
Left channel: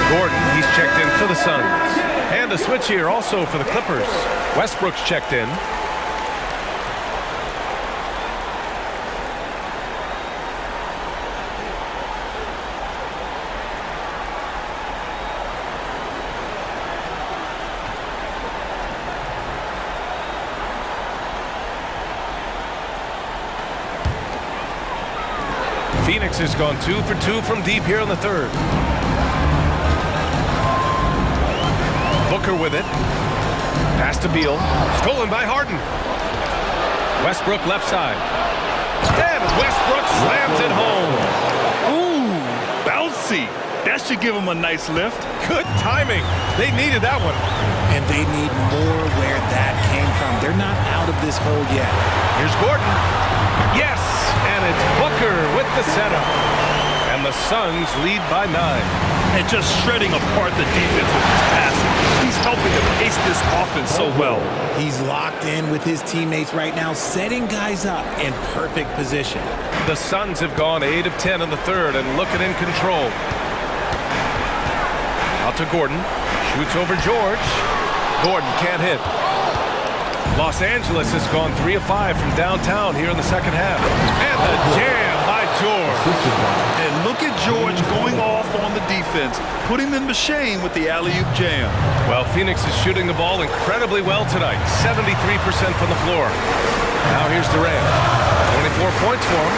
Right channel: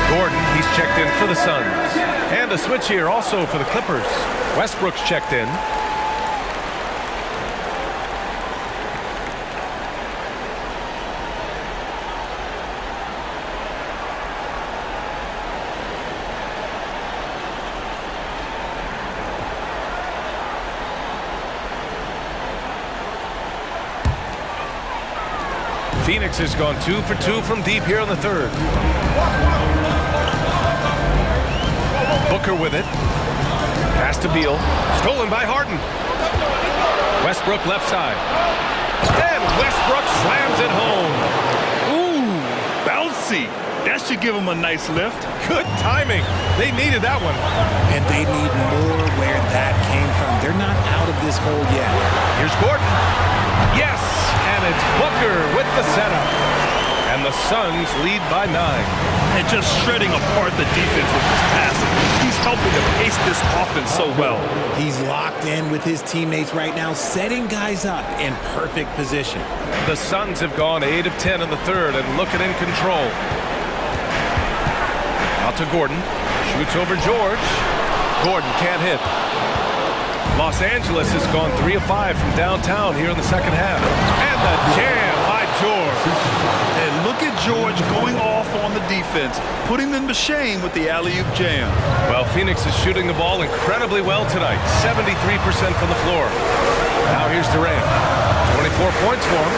Gordon, he's checked in for the Suns. And a switch here also for the Clippers. Westbrook's checked in. Phoenix has gone 2 for 2 from deep here in the third. Booker with it. Pass to Beal. Stolen by Harden. Westbrook left side. And Westbrook slams it home. Ooh, bouncy. That should give him a nice lift. Good timing. They needed that one. And they need more where that came from. They're not out of this hole yet. Here's Gordon. Yes, and it's Booker with the setup. And the Suns lead by 9. And just shredding apart the defense with his passing. He's helping to pace this offense so well. He's locked in with his teammates right now, setting guys up in perfect position. The Suns have gone 8 of 10 in the third and looking in control. Out to Gordon. Shoots over George. Gordon can't hit. Los Angeles has gone 3 of 5 from downtown here in the second half. And the jam by George. And look at George going off on the defense, putting them to shame with the alley-oop jam. Well, Phoenix is shooting the ball incredibly well tonight. 73% from the floor. Now here's Durant. 24 points for him.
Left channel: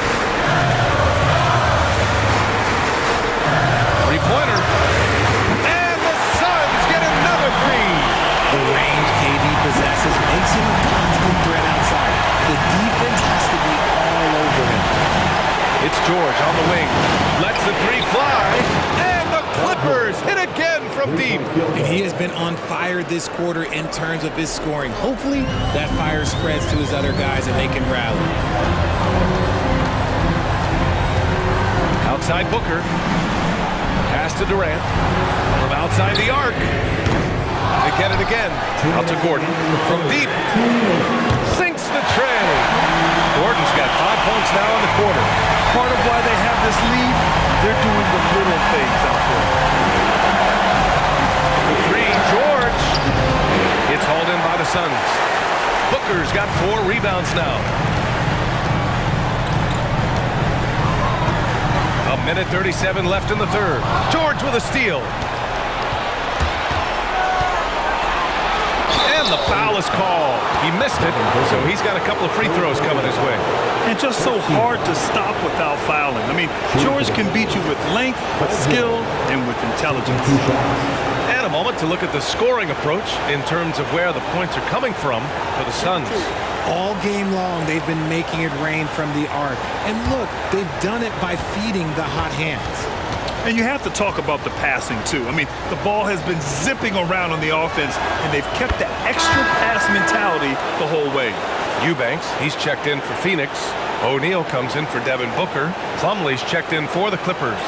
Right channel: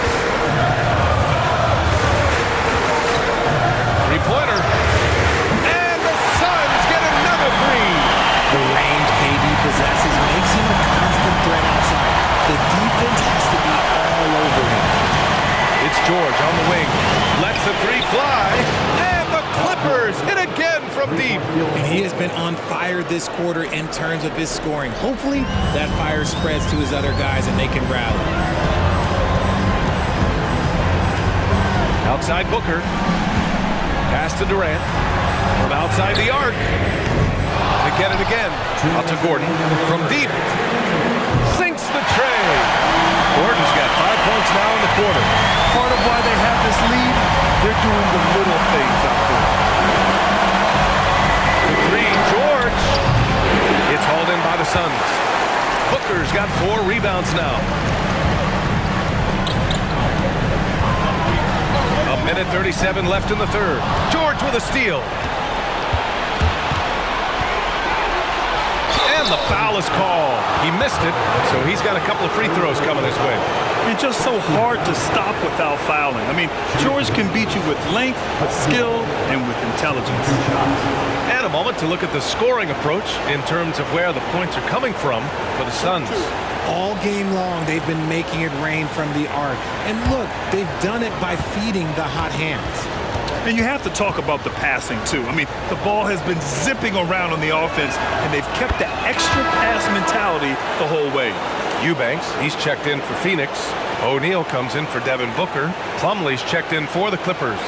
Three-pointer. And the Suns get another three. The range KD possesses makes him a constant threat outside. The defense has to be all over him. It's George on the wing. Lets the three fly. And the Clippers hit again from deep. And he has been on fire this quarter in terms of his scoring. Hopefully that fire spreads to his other guys and they can rally. Outside Booker. Pass to Durant. From outside the arc. They get it again. Out to Gordon. From deep. Sinks the tray. Gordon's got 5 points now in the quarter. Part of why they have this lead, they're doing the little things out there. For three, George. It's hauled in by the Suns. Booker's got 4 rebounds now. A minute 37 left in the third. George with a steal. And the foul is called. He missed it, so he's got a couple of free throws coming his way. And just so hard to stop without fouling. I mean, George can beat you with length, with skill, and with intelligence. And a moment to look at the scoring approach in terms of where the points are coming from for the Suns. All game long, they've been making it rain from the arc. And look, they've done it by feeding the hot hands. And you have to talk about the passing, too. I mean, the ball has been zipping around on the offense, and they've kept the extra pass mentality the whole way. Eubanks, he's checked in for Phoenix. O'Neal comes in for Devin Booker. Plumlee's checked in for the Clippers.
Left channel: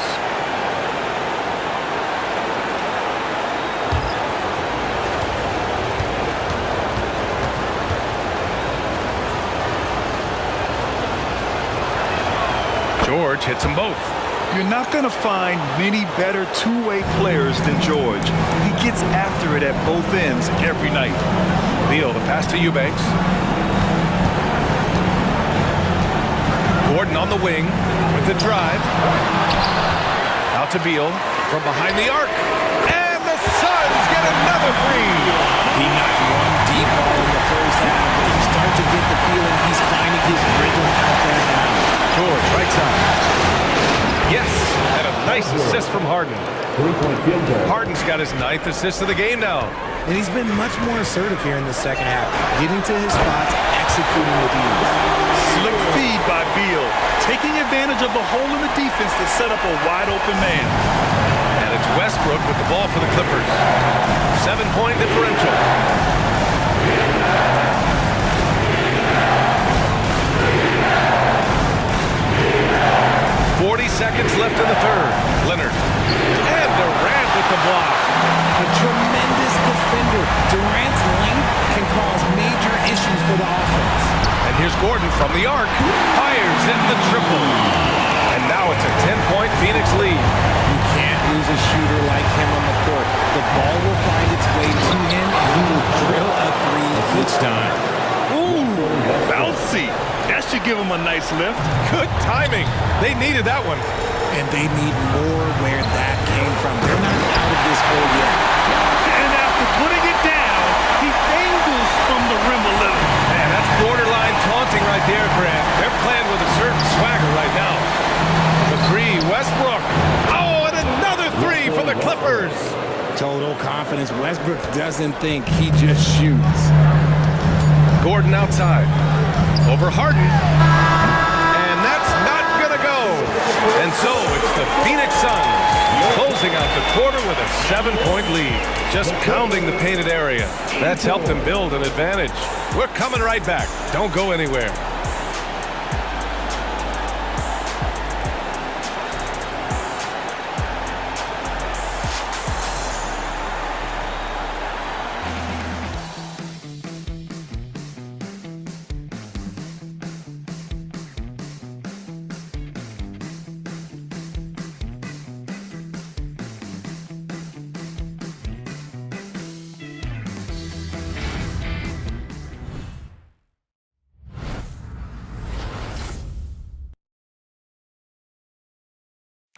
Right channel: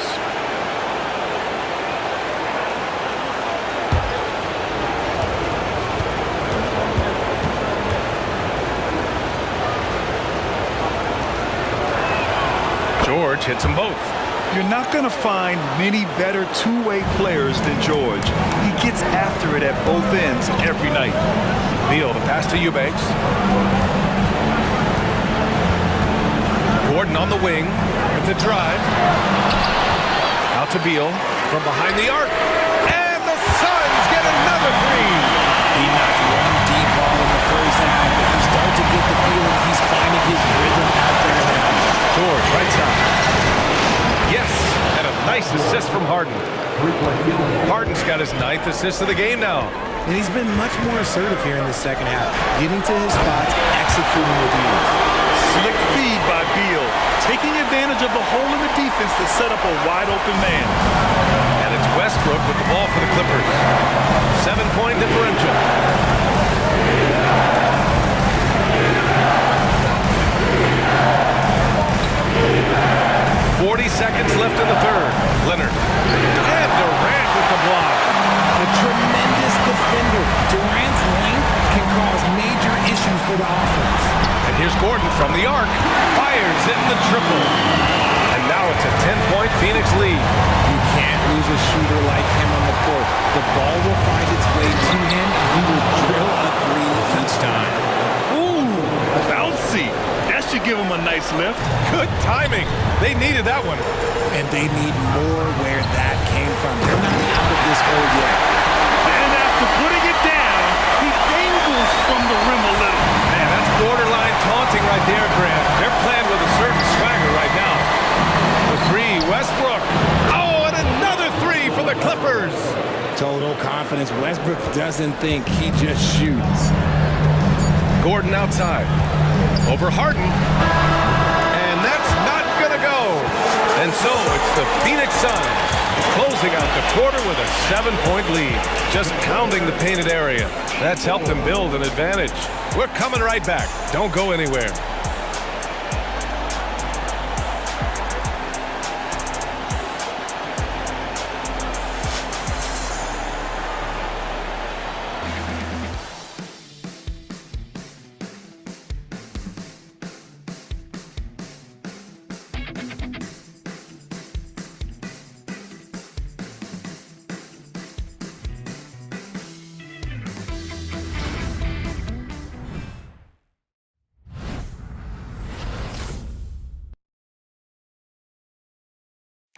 George hits them both. You're not going to find many better two-way players than George. He gets after it at both ends every night. Beal, the pass to Eubanks. Gordon on the wing with the drive. Out to Beal from behind the arc. And the Suns get another three. He knocked one deep ball in the first half, but you start to get the feeling he's finding his rhythm out there now. George, right side. Yes, and a nice assist from Harden. Harden's got his 9th assist of the game now. And he's been much more assertive here in the second half, getting to his spots, executing with ease. Slick feed by Beal, taking advantage of the hole in the defense to set up a wide-open man. And it's Westbrook with the ball for the Clippers. 7-point differential. 40 seconds left in the third. Leonard. And Durant with the block. A tremendous defender. Durant's length can cause major issues for the offense. And here's Gordon from the arc. Fires in the triple. And now it's a 10-point Phoenix lead. You can't lose a shooter like him on the court. The ball will find its way to him, and he will drill a three each time. Ooh, bouncy. That should give him a nice lift. Good timing. They needed that one. And they need more where that came from. They're not out of this hole yet. And after putting it down, he dangles from the rim a little. Man, that's borderline taunting right there, Grant. They're playing with a certain swagger right now. The three, Westbrook. Oh, and another three for the Clippers. Total confidence. Westbrook doesn't think, he just shoots. Gordon outside. Over Harden. And that's not going to go. And so it's the Phoenix Suns closing out the quarter with a 7-point lead. Just pounding the painted area. That's helped them build an advantage. We're coming right back. Don't go anywhere.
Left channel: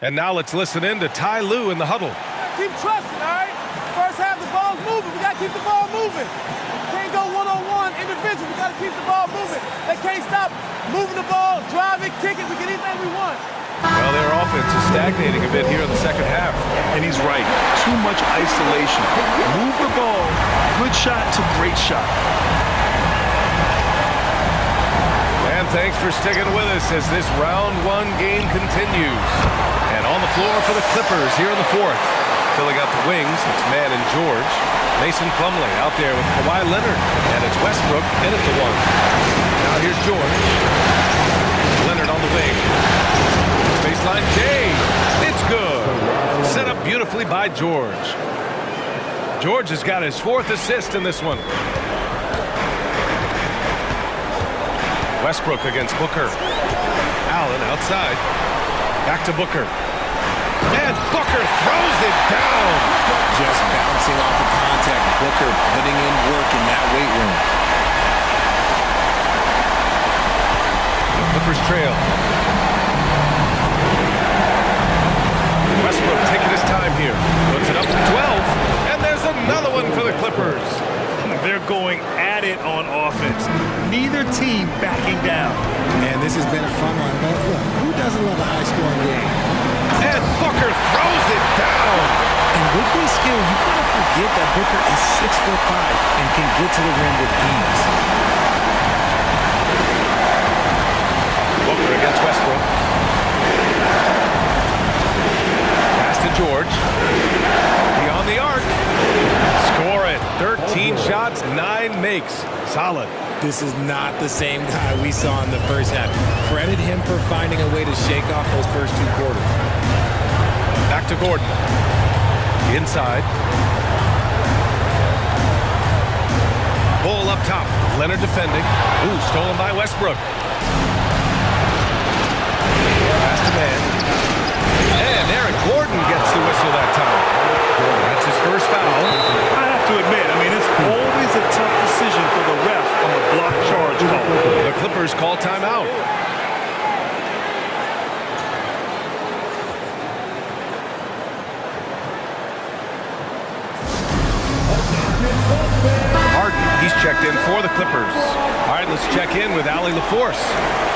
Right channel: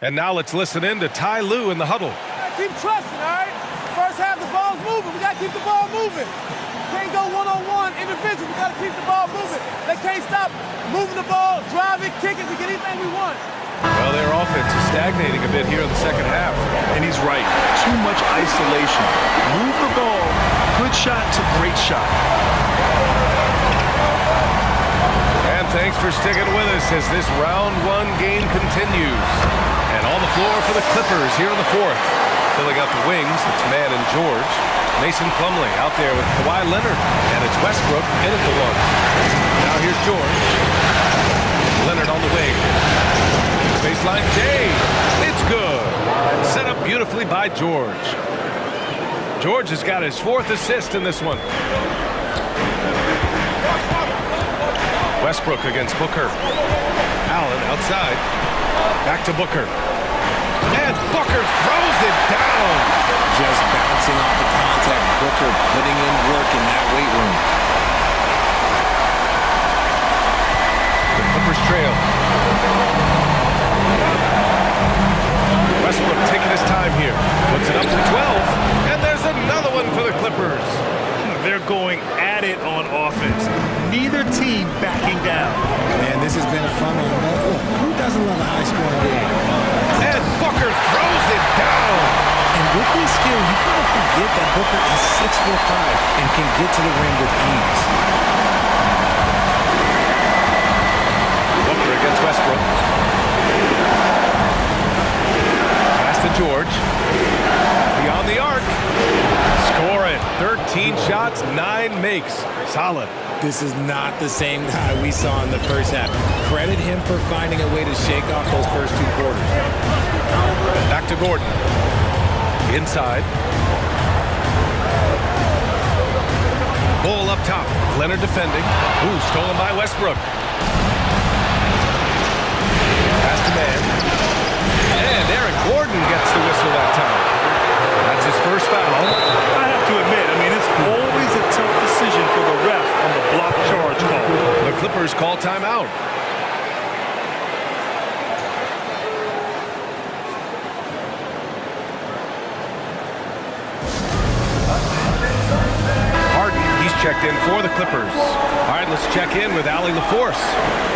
And now let's listen in to Ty Lue in the huddle. Keep trusting, all right? First half, the ball's moving. We got to keep the ball moving. Can't go one-on-one individual. We got to keep the ball moving. They can't stop moving the ball, drive it, kick it. We get anything we want. Well, their offense is stagnating a bit here in the second half. And he's right. Too much isolation. Move the ball. Good shot to great shot. And thanks for sticking with us as this round one game continues. And on the floor for the Clippers here in the fourth. Filling out the wings, it's Mann and George. Mason Plumlee out there with Kawhi Leonard. And it's Westbrook in at the one. Now here's George. Leonard on the wing. Baseline J. It's good. Set up beautifully by George. George has got his fourth assist in this one. Westbrook against Booker. Allen outside. Back to Booker. And Booker throws it down. Just bouncing off of contact. Booker putting in work in that weight room. The Clippers trail. Westbrook taking his time here. Puts it up to 12. And there's another one for the Clippers. They're going at it on offense. Neither team backing down. Man, this has been a fun one, but look, who doesn't love a high-scoring game? And Booker throws it down. And with his skill, you kind of forget that Booker is 6'5" and can get to the rim with ease. Booker against Westbrook. Pass to George. Beyond the arc. Score it. 13 shots, 9 makes. Solid. This is not the same guy we saw in the first half. Credit him for finding a way to shake off those first two quarters. Back to Gordon. Inside. Ball up top. Leonard defending. Ooh, stolen by Westbrook. Pass to Mann. And Eric Gordon gets the whistle that time. That's his first foul. I have to admit, it's always a tough decision for the ref on the block charge call. The Clippers call timeout. Harden, he's checked in for the Clippers. All right, let's check in with Allie LaForce.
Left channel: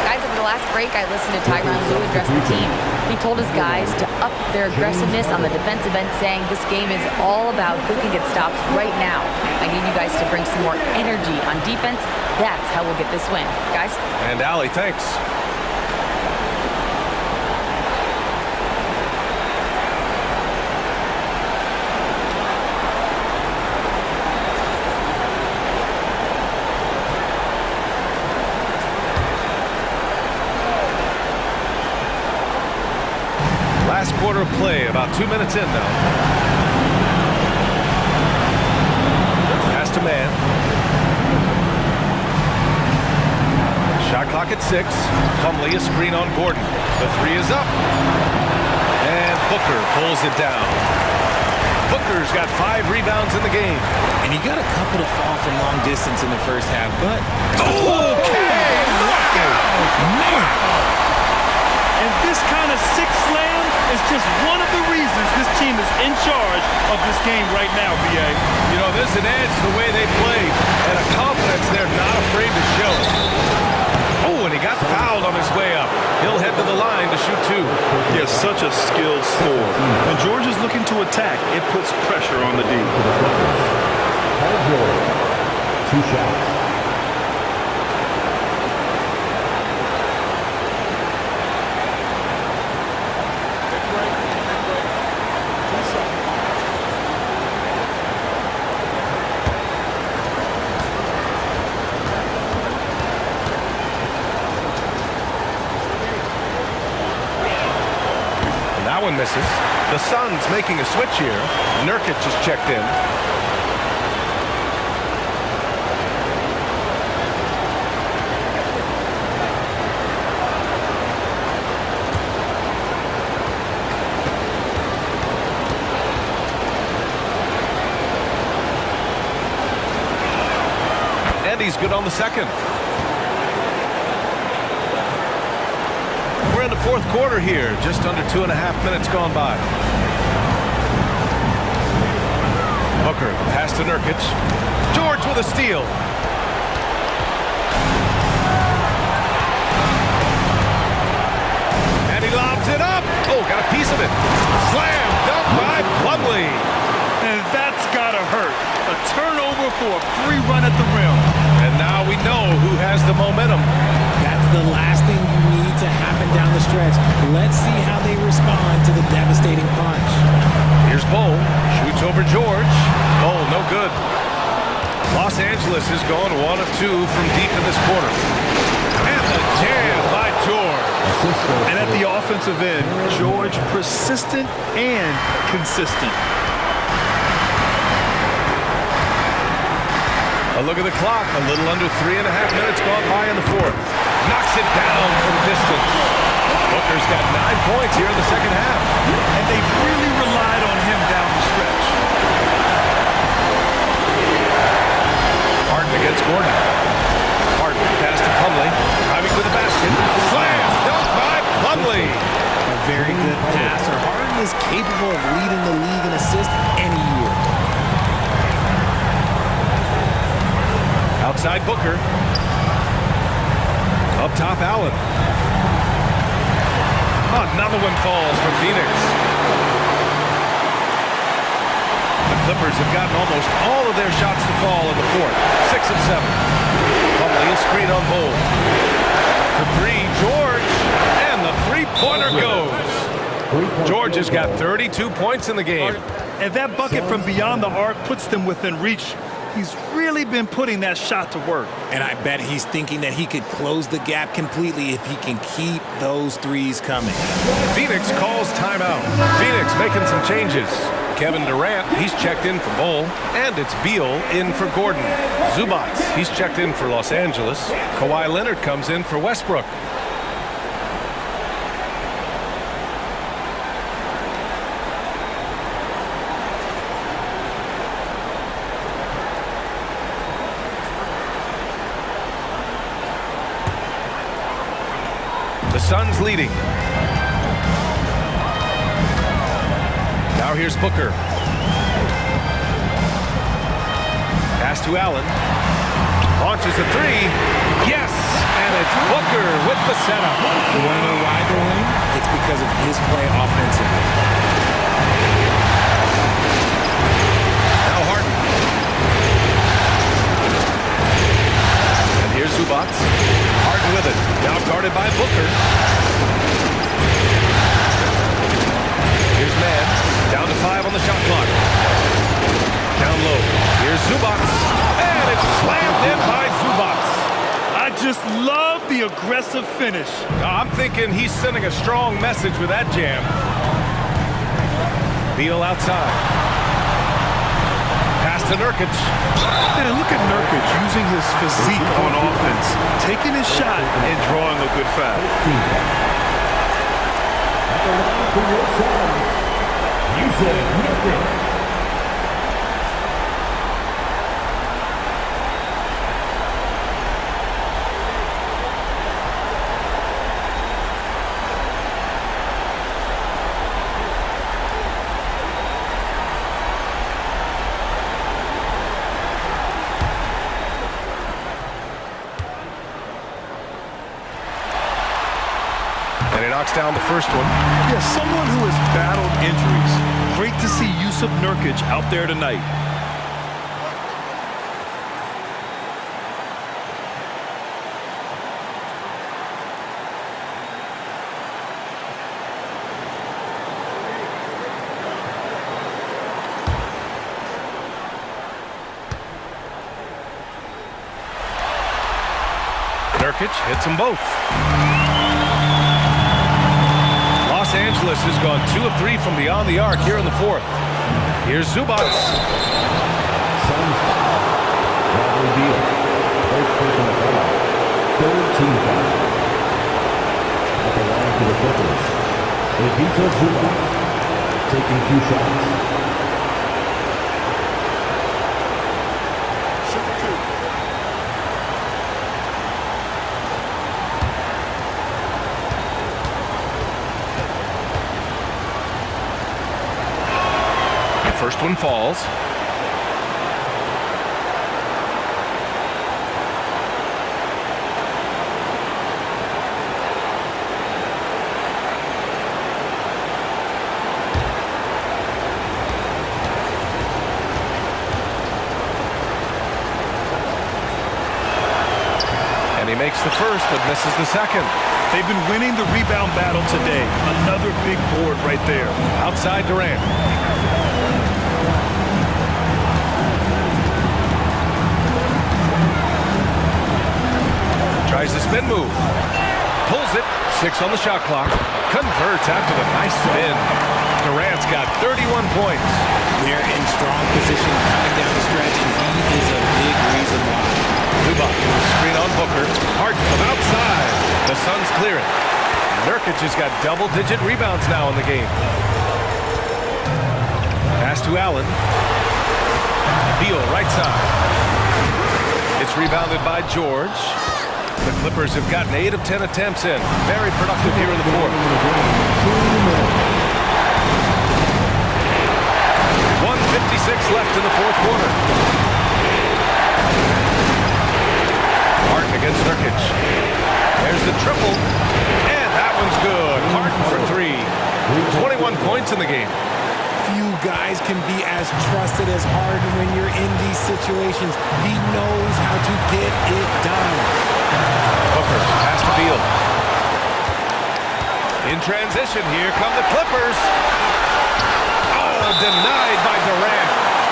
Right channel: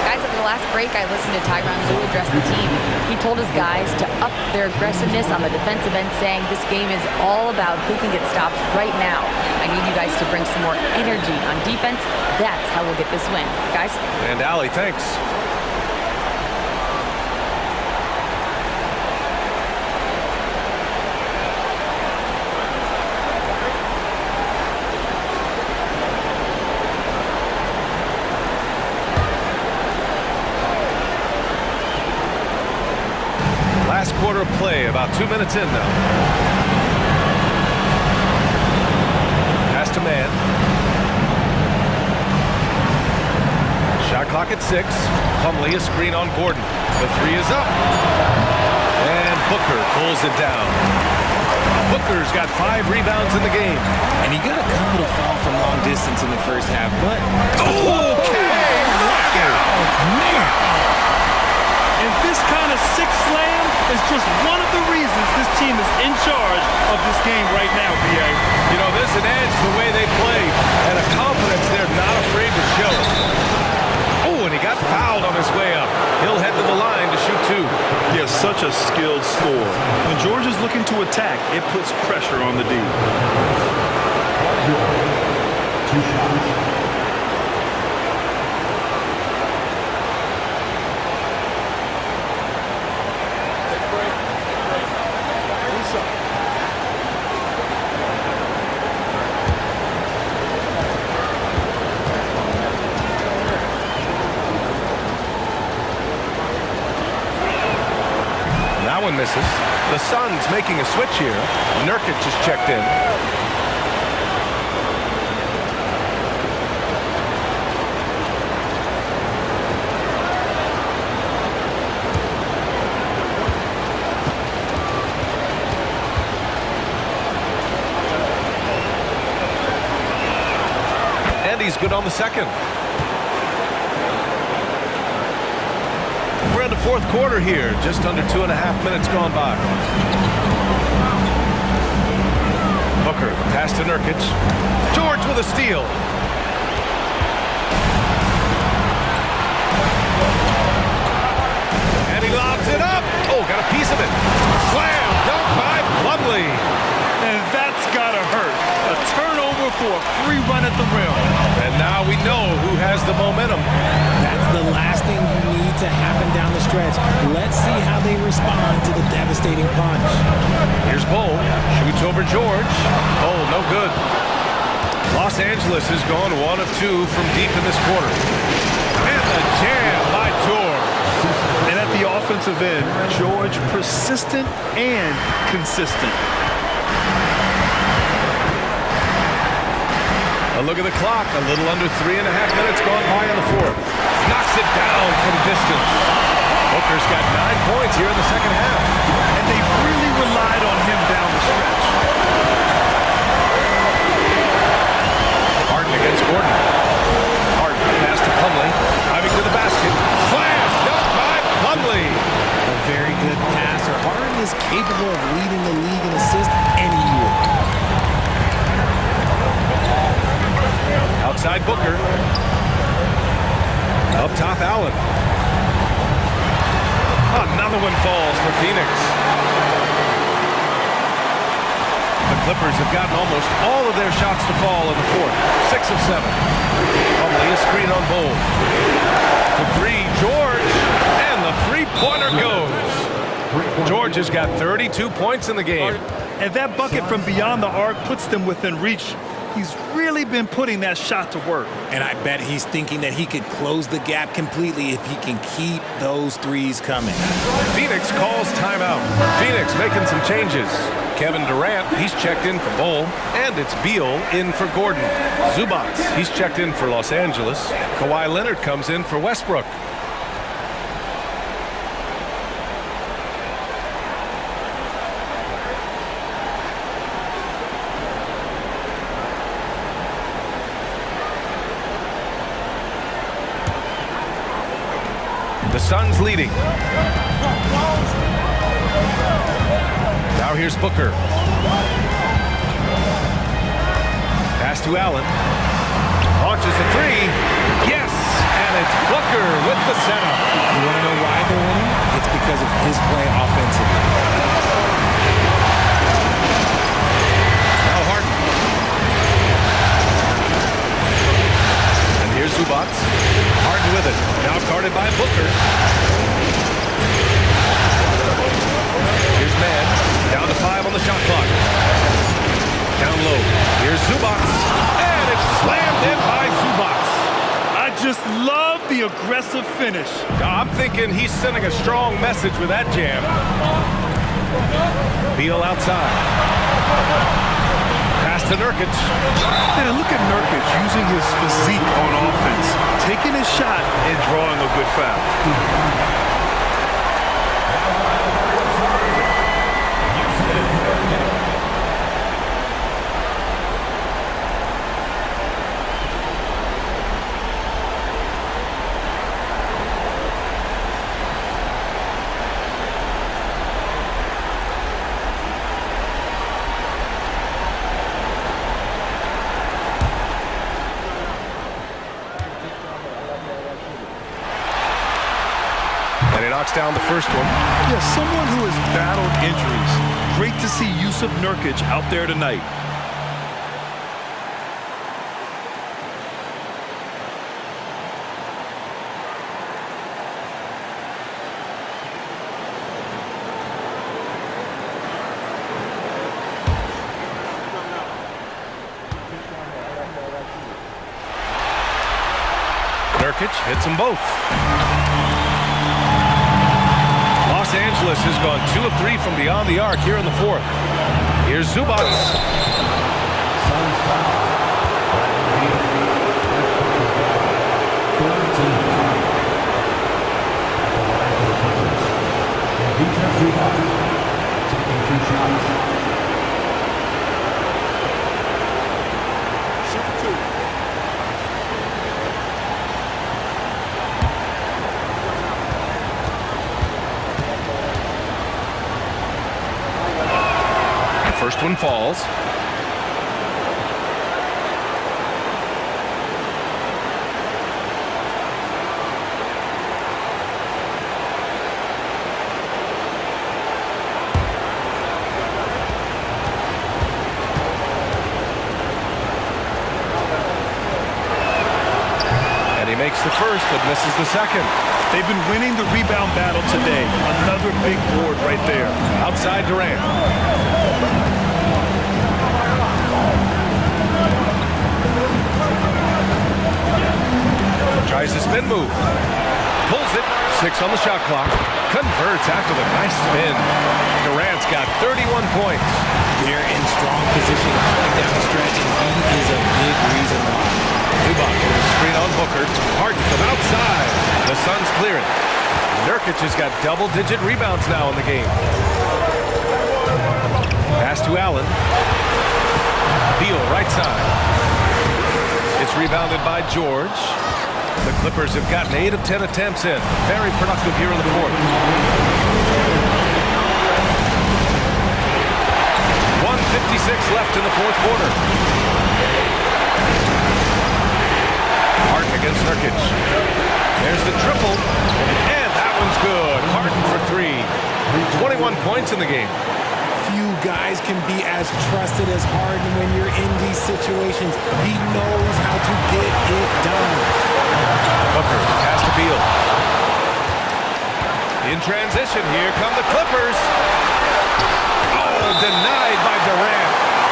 Guys, over the last break, I listened to Tyronn Lue address the team. He told his guys to up their aggressiveness on the defensive end, saying this game is all about who can get stops right now. I need you guys to bring some more energy on defense. That's how we'll get this win. Guys? And Allie, thanks. Last quarter of play, about 2 minutes in now. Pass to man. Shot clock at 6. Plumlee, a screen on Gordon. The 3 is up. And Booker pulls it down. Booker's got 5 rebounds in the game. And he got a couple to fall from long distance in the first half, but... Okay! Knockout! Man! And this kind of sixth slam is just one of the reasons this team is in charge of this game right now, B.A. You know, there's an edge the way they play and a confidence they're not afraid to show. Oh, and he got fouled on his way up. He'll head to the line to shoot 2. Yeah, such a skilled score. When George is looking to attack, it puts pressure on the D. Paul George, 2 shots. Take a break. Take a break. 2 shots. And that one misses. The Suns making a switch here. Nurkic is checked in. And he's good on the second. We're in the 4th quarter here, just under 2.5 minutes gone by. Booker, the pass to Nurkic. George with a steal. And he lobs it up. Oh, got a piece of it. Slam, dunk by Plumlee. And that's gotta hurt. A turnover for a free run at the rim. And now we know who has the momentum. That's the last thing you need to happen down the stretch. Let's see how they respond to the devastating punch. Here's Bol. Shoots over George. Bol, no good. Los Angeles has gone 1 of 2 from deep in this quarter. And the jam by George. And at the offensive end, George persistent and consistent. A look at the clock. A little under 3.5 minutes gone by in the 4th. Knocks it down from distance. Booker's got 9 points here in the second half. And they've really relied on him down the stretch. Harden against Gordon. Harden pass to Plumlee. Driving to the basket. Slam! Dunk by Plumlee. A very good passer. Harden is capable of leading the league in assists any year. Outside Booker. Up top Allen. Another one falls for Phoenix. The Clippers have gotten almost all of their shots to fall in the 4th. 6 of 7. Plumlee, a screen on Bol. For 3, George. And the 3-pointer goes. George has got 32 points in the game. And that bucket from beyond the arc puts them within reach. He's really been putting that shot to work. And I bet he's thinking that he could close the gap completely if he can keep those threes coming. Phoenix calls timeout. Phoenix making some changes. Kevin Durant, he's checked in for Bol. And it's Beal in for Gordon. Zubac, he's checked in for Los Angeles. Kawhi Leonard comes in for Westbrook. The Suns leading. Now here's Booker. Pass to Allen. Launches a 3. Yes! And it's Booker with the setup. You want to know why they're winning? It's because of his play offensively. Now Harden. And here's Zubac. Harden with it. Now guarded by Booker. Here's Mann. Down to 5 on the shot clock. Down low. Here's Zubac. And it's slammed in by Zubac. I Just love the aggressive finish. I'm thinking he's sending a strong message with that jam. Beal outside. Pass to Nurkic. And look at Nurkic using his physique on offense, taking his shot and drawing a good foul. Yusuf Nurkic. And he knocks down the first one. Yeah, someone who has battled injuries. Great to see Yusuf Nurkic out there tonight. Nurkic hits them both. Los Angeles has gone 2 of 3 from beyond the arc here in the fourth. Here's Zubac. Suns foul. Bradley Beal. First personal foul. Third team foul. At the line for the Clippers. Ivica Zubac. Taking 2 shots. Shoot 2. First one falls. And he makes the first, but misses the second. They've been winning the rebound battle today. Another big board right there. Outside Durant. Tries the spin move. Pulls it. 6 on the shot clock. Converts after the nice spin. Durant's got 31 points. They're in strong position coming down the stretch, and he is a big reason why. Zubac with a screen on Booker. Harden from outside. The Suns clear it. Nurkic has got double-digit rebounds now in the game. Pass to Allen. Beal right side. It's rebounded by George. The Clippers have gotten 8 of 10 attempts in. Very productive here in the fourth. 1:56 left in the fourth quarter. Harden against Nurkic. There's the triple. And that one's good. Harden for 3. 21 points in the game. Few guys can be as trusted as Harden when you're in these situations. He knows how to get it done. Booker, pass to Beal. In transition, here come the Clippers. Oh, denied by Durant.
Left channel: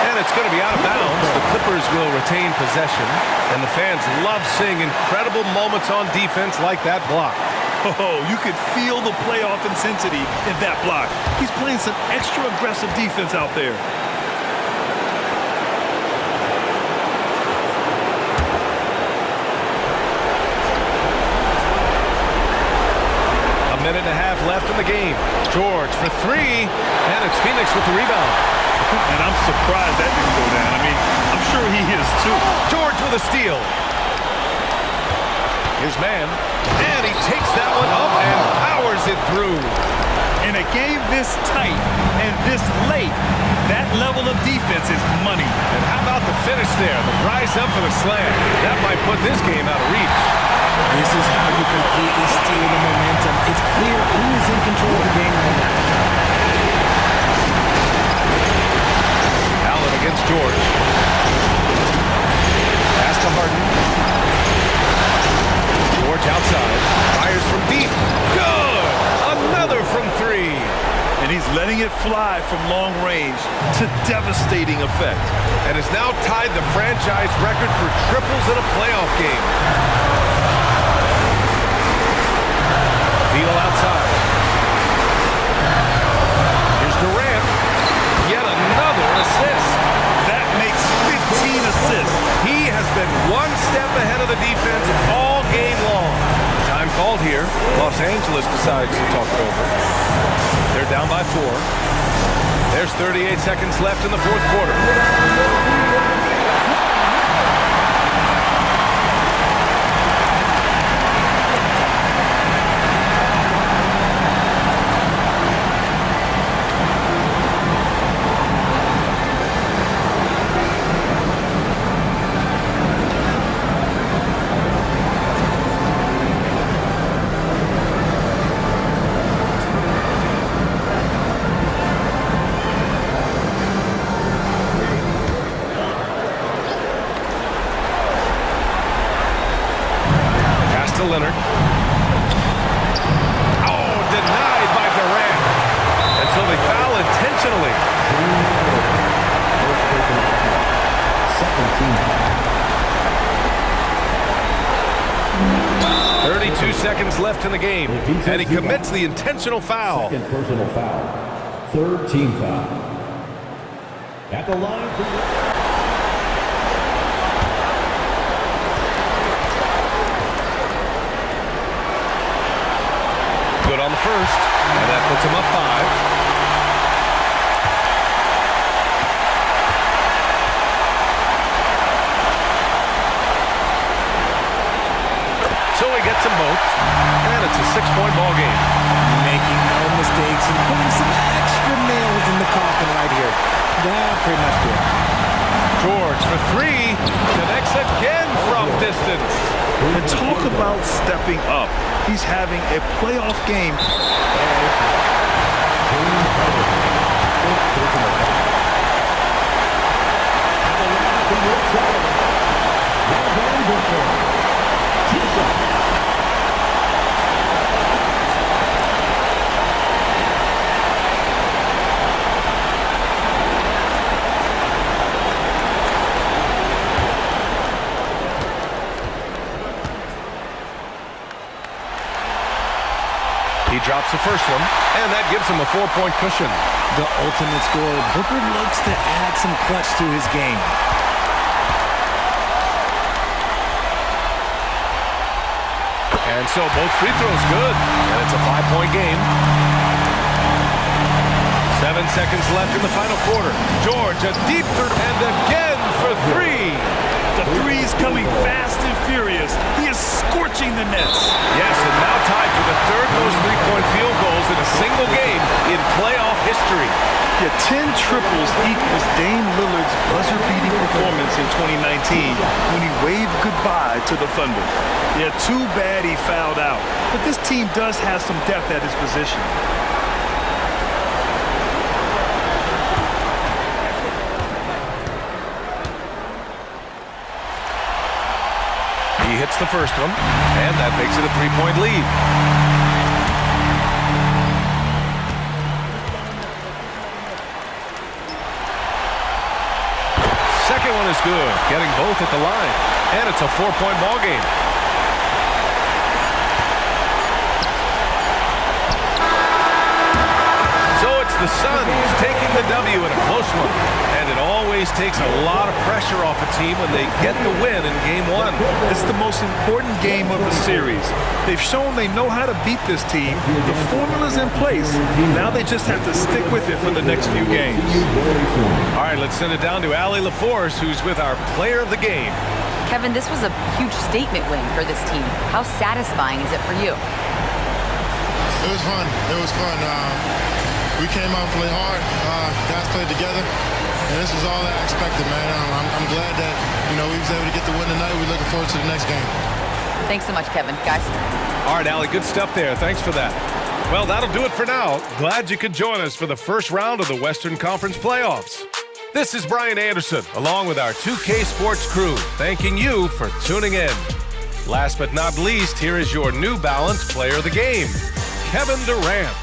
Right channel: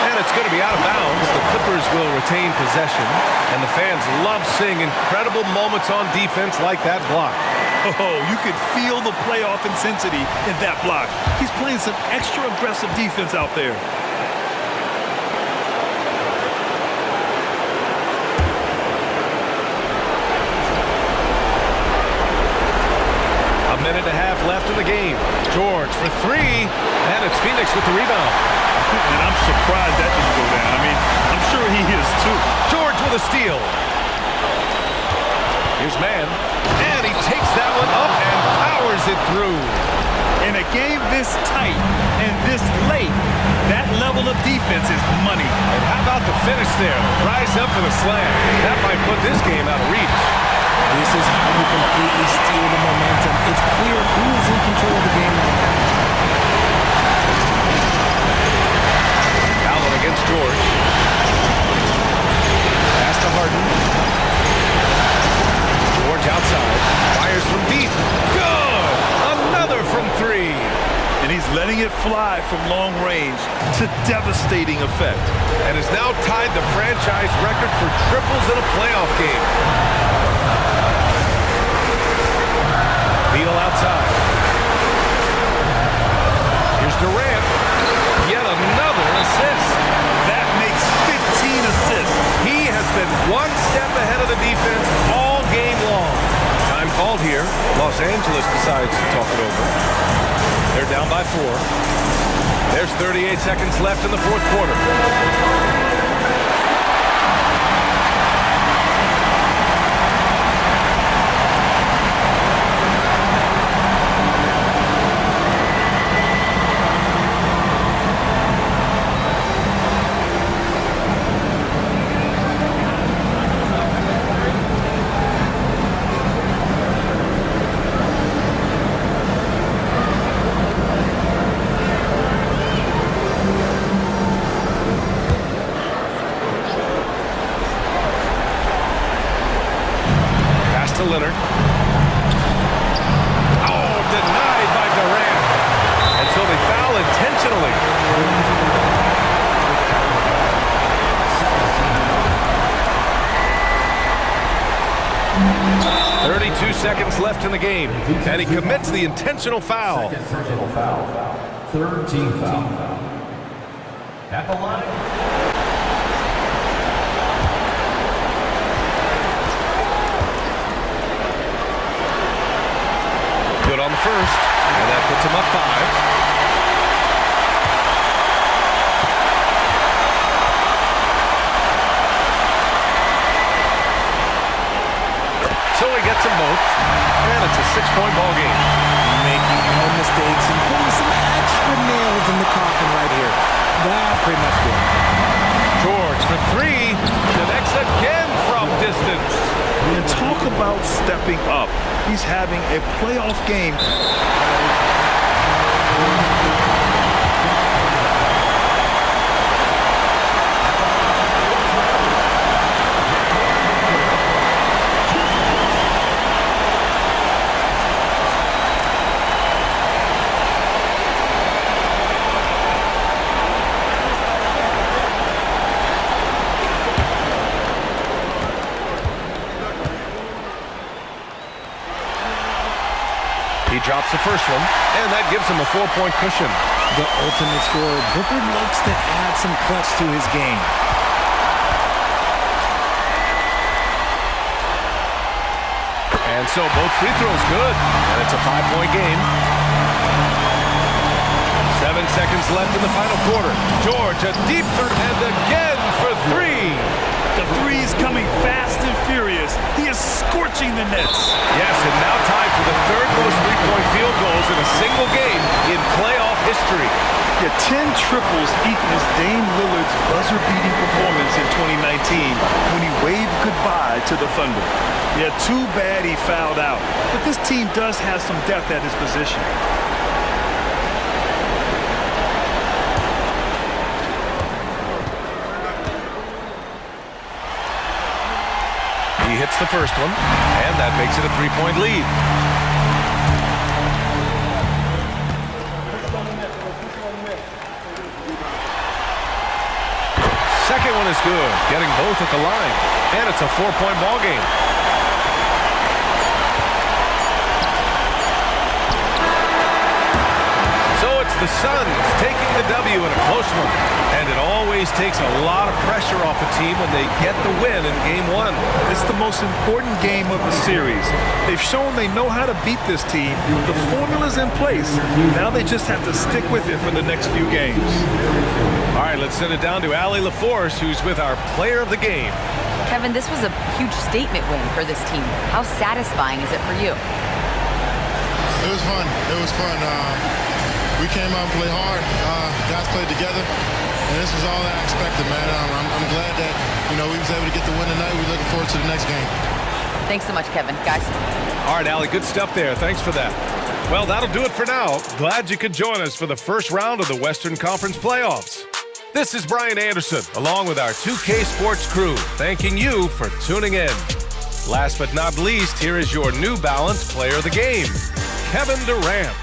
And it's going to be out of bounds. The Clippers will retain possession. And the fans love seeing incredible moments on defense like that block. Oh, you could feel the playoff intensity in that block. He's playing some extra aggressive defense out there. A minute and a half left in the game. George for 3, and it's Phoenix with the rebound. And I'm surprised that didn't go down. I mean, I'm sure he is too. George with a steal. Here's Mann, and he takes that one up and powers it through. In a game this tight and this late, that level of defense is money. And how about the finish there? The rise up for the slam. That might put this game out of reach. This is how you completely steal the momentum. It's clear who is in control of the game right now. Allen against George. Pass to Harden. George outside. Fires from deep. Good! Another from 3. And he's letting it fly from long range to devastating effect. And has now tied the franchise record for triples in a playoff game. Beal outside. Here's Durant. Yet another assist. That makes 15 assists. He has been one step ahead of the defense all game long. Time called here. Los Angeles decides to talk it over. They're down by 4. There's 38 seconds left in the fourth quarter. To Leonard. Oh, denied by Durant. And so they foul intentionally. 32 seconds left in the game, and he commits the intentional foul. Second personal foul. Third team foul. At the line for... Good on the first, and that puts him up 5. So he gets them both, and it's a 6-point ball game. Making no mistakes and putting some extra nails in the coffin right here. That pretty much good. George for 3, connects again from distance. And talk about stepping up. He's having a playoff game. He drops the first one, and that gives him a 4-point cushion. The ultimate scorer, Booker looks to add some clutch to his game. And so both free throws good, and it's a 5-point game. 7 seconds left in the final quarter. George, a deep three, and again for 3. The three's coming fast and furious. He is scorching the nets. Yes, and now tied for the third most three-point field goals in a single game in playoff history. Yeah, 10 triples equals Dame Lillard's buzzer-beating performance in 2019 when he waved goodbye to the Thunder. Yeah, too bad he fouled out. But this team does have some depth at his position. He hits the first one, and that makes it a 3-point lead. Second one is good, getting both at the line, and it's a 4-point ball game. So it's the Suns taking the W in a close one. And it always takes a lot of pressure off a team when they get the win in Game 1. It's the most important game of the series. They've shown they know how to beat this team. The formula's in place. Now they just have to stick with it for the next few games. All right, let's send it down to Allie LaForce, who's with our player of the game. Kevin, this was a huge statement win for this team. How satisfying is it for you? It was fun. It was fun. We came out and played hard. Guys played together. And this was all that I expected, man. I'm glad that, we was able to get the win tonight. We're looking forward to the next game. Thanks so much, Kevin. Guys. All right, Allie, good stuff there. Thanks for that. Well, that'll do it for now. Glad you could join us for the first round of the Western Conference playoffs. This is Brian Anderson, along with our 2K Sports crew, thanking you for tuning in. Last but not least, here is your New Balance player of the game, Kevin Durant.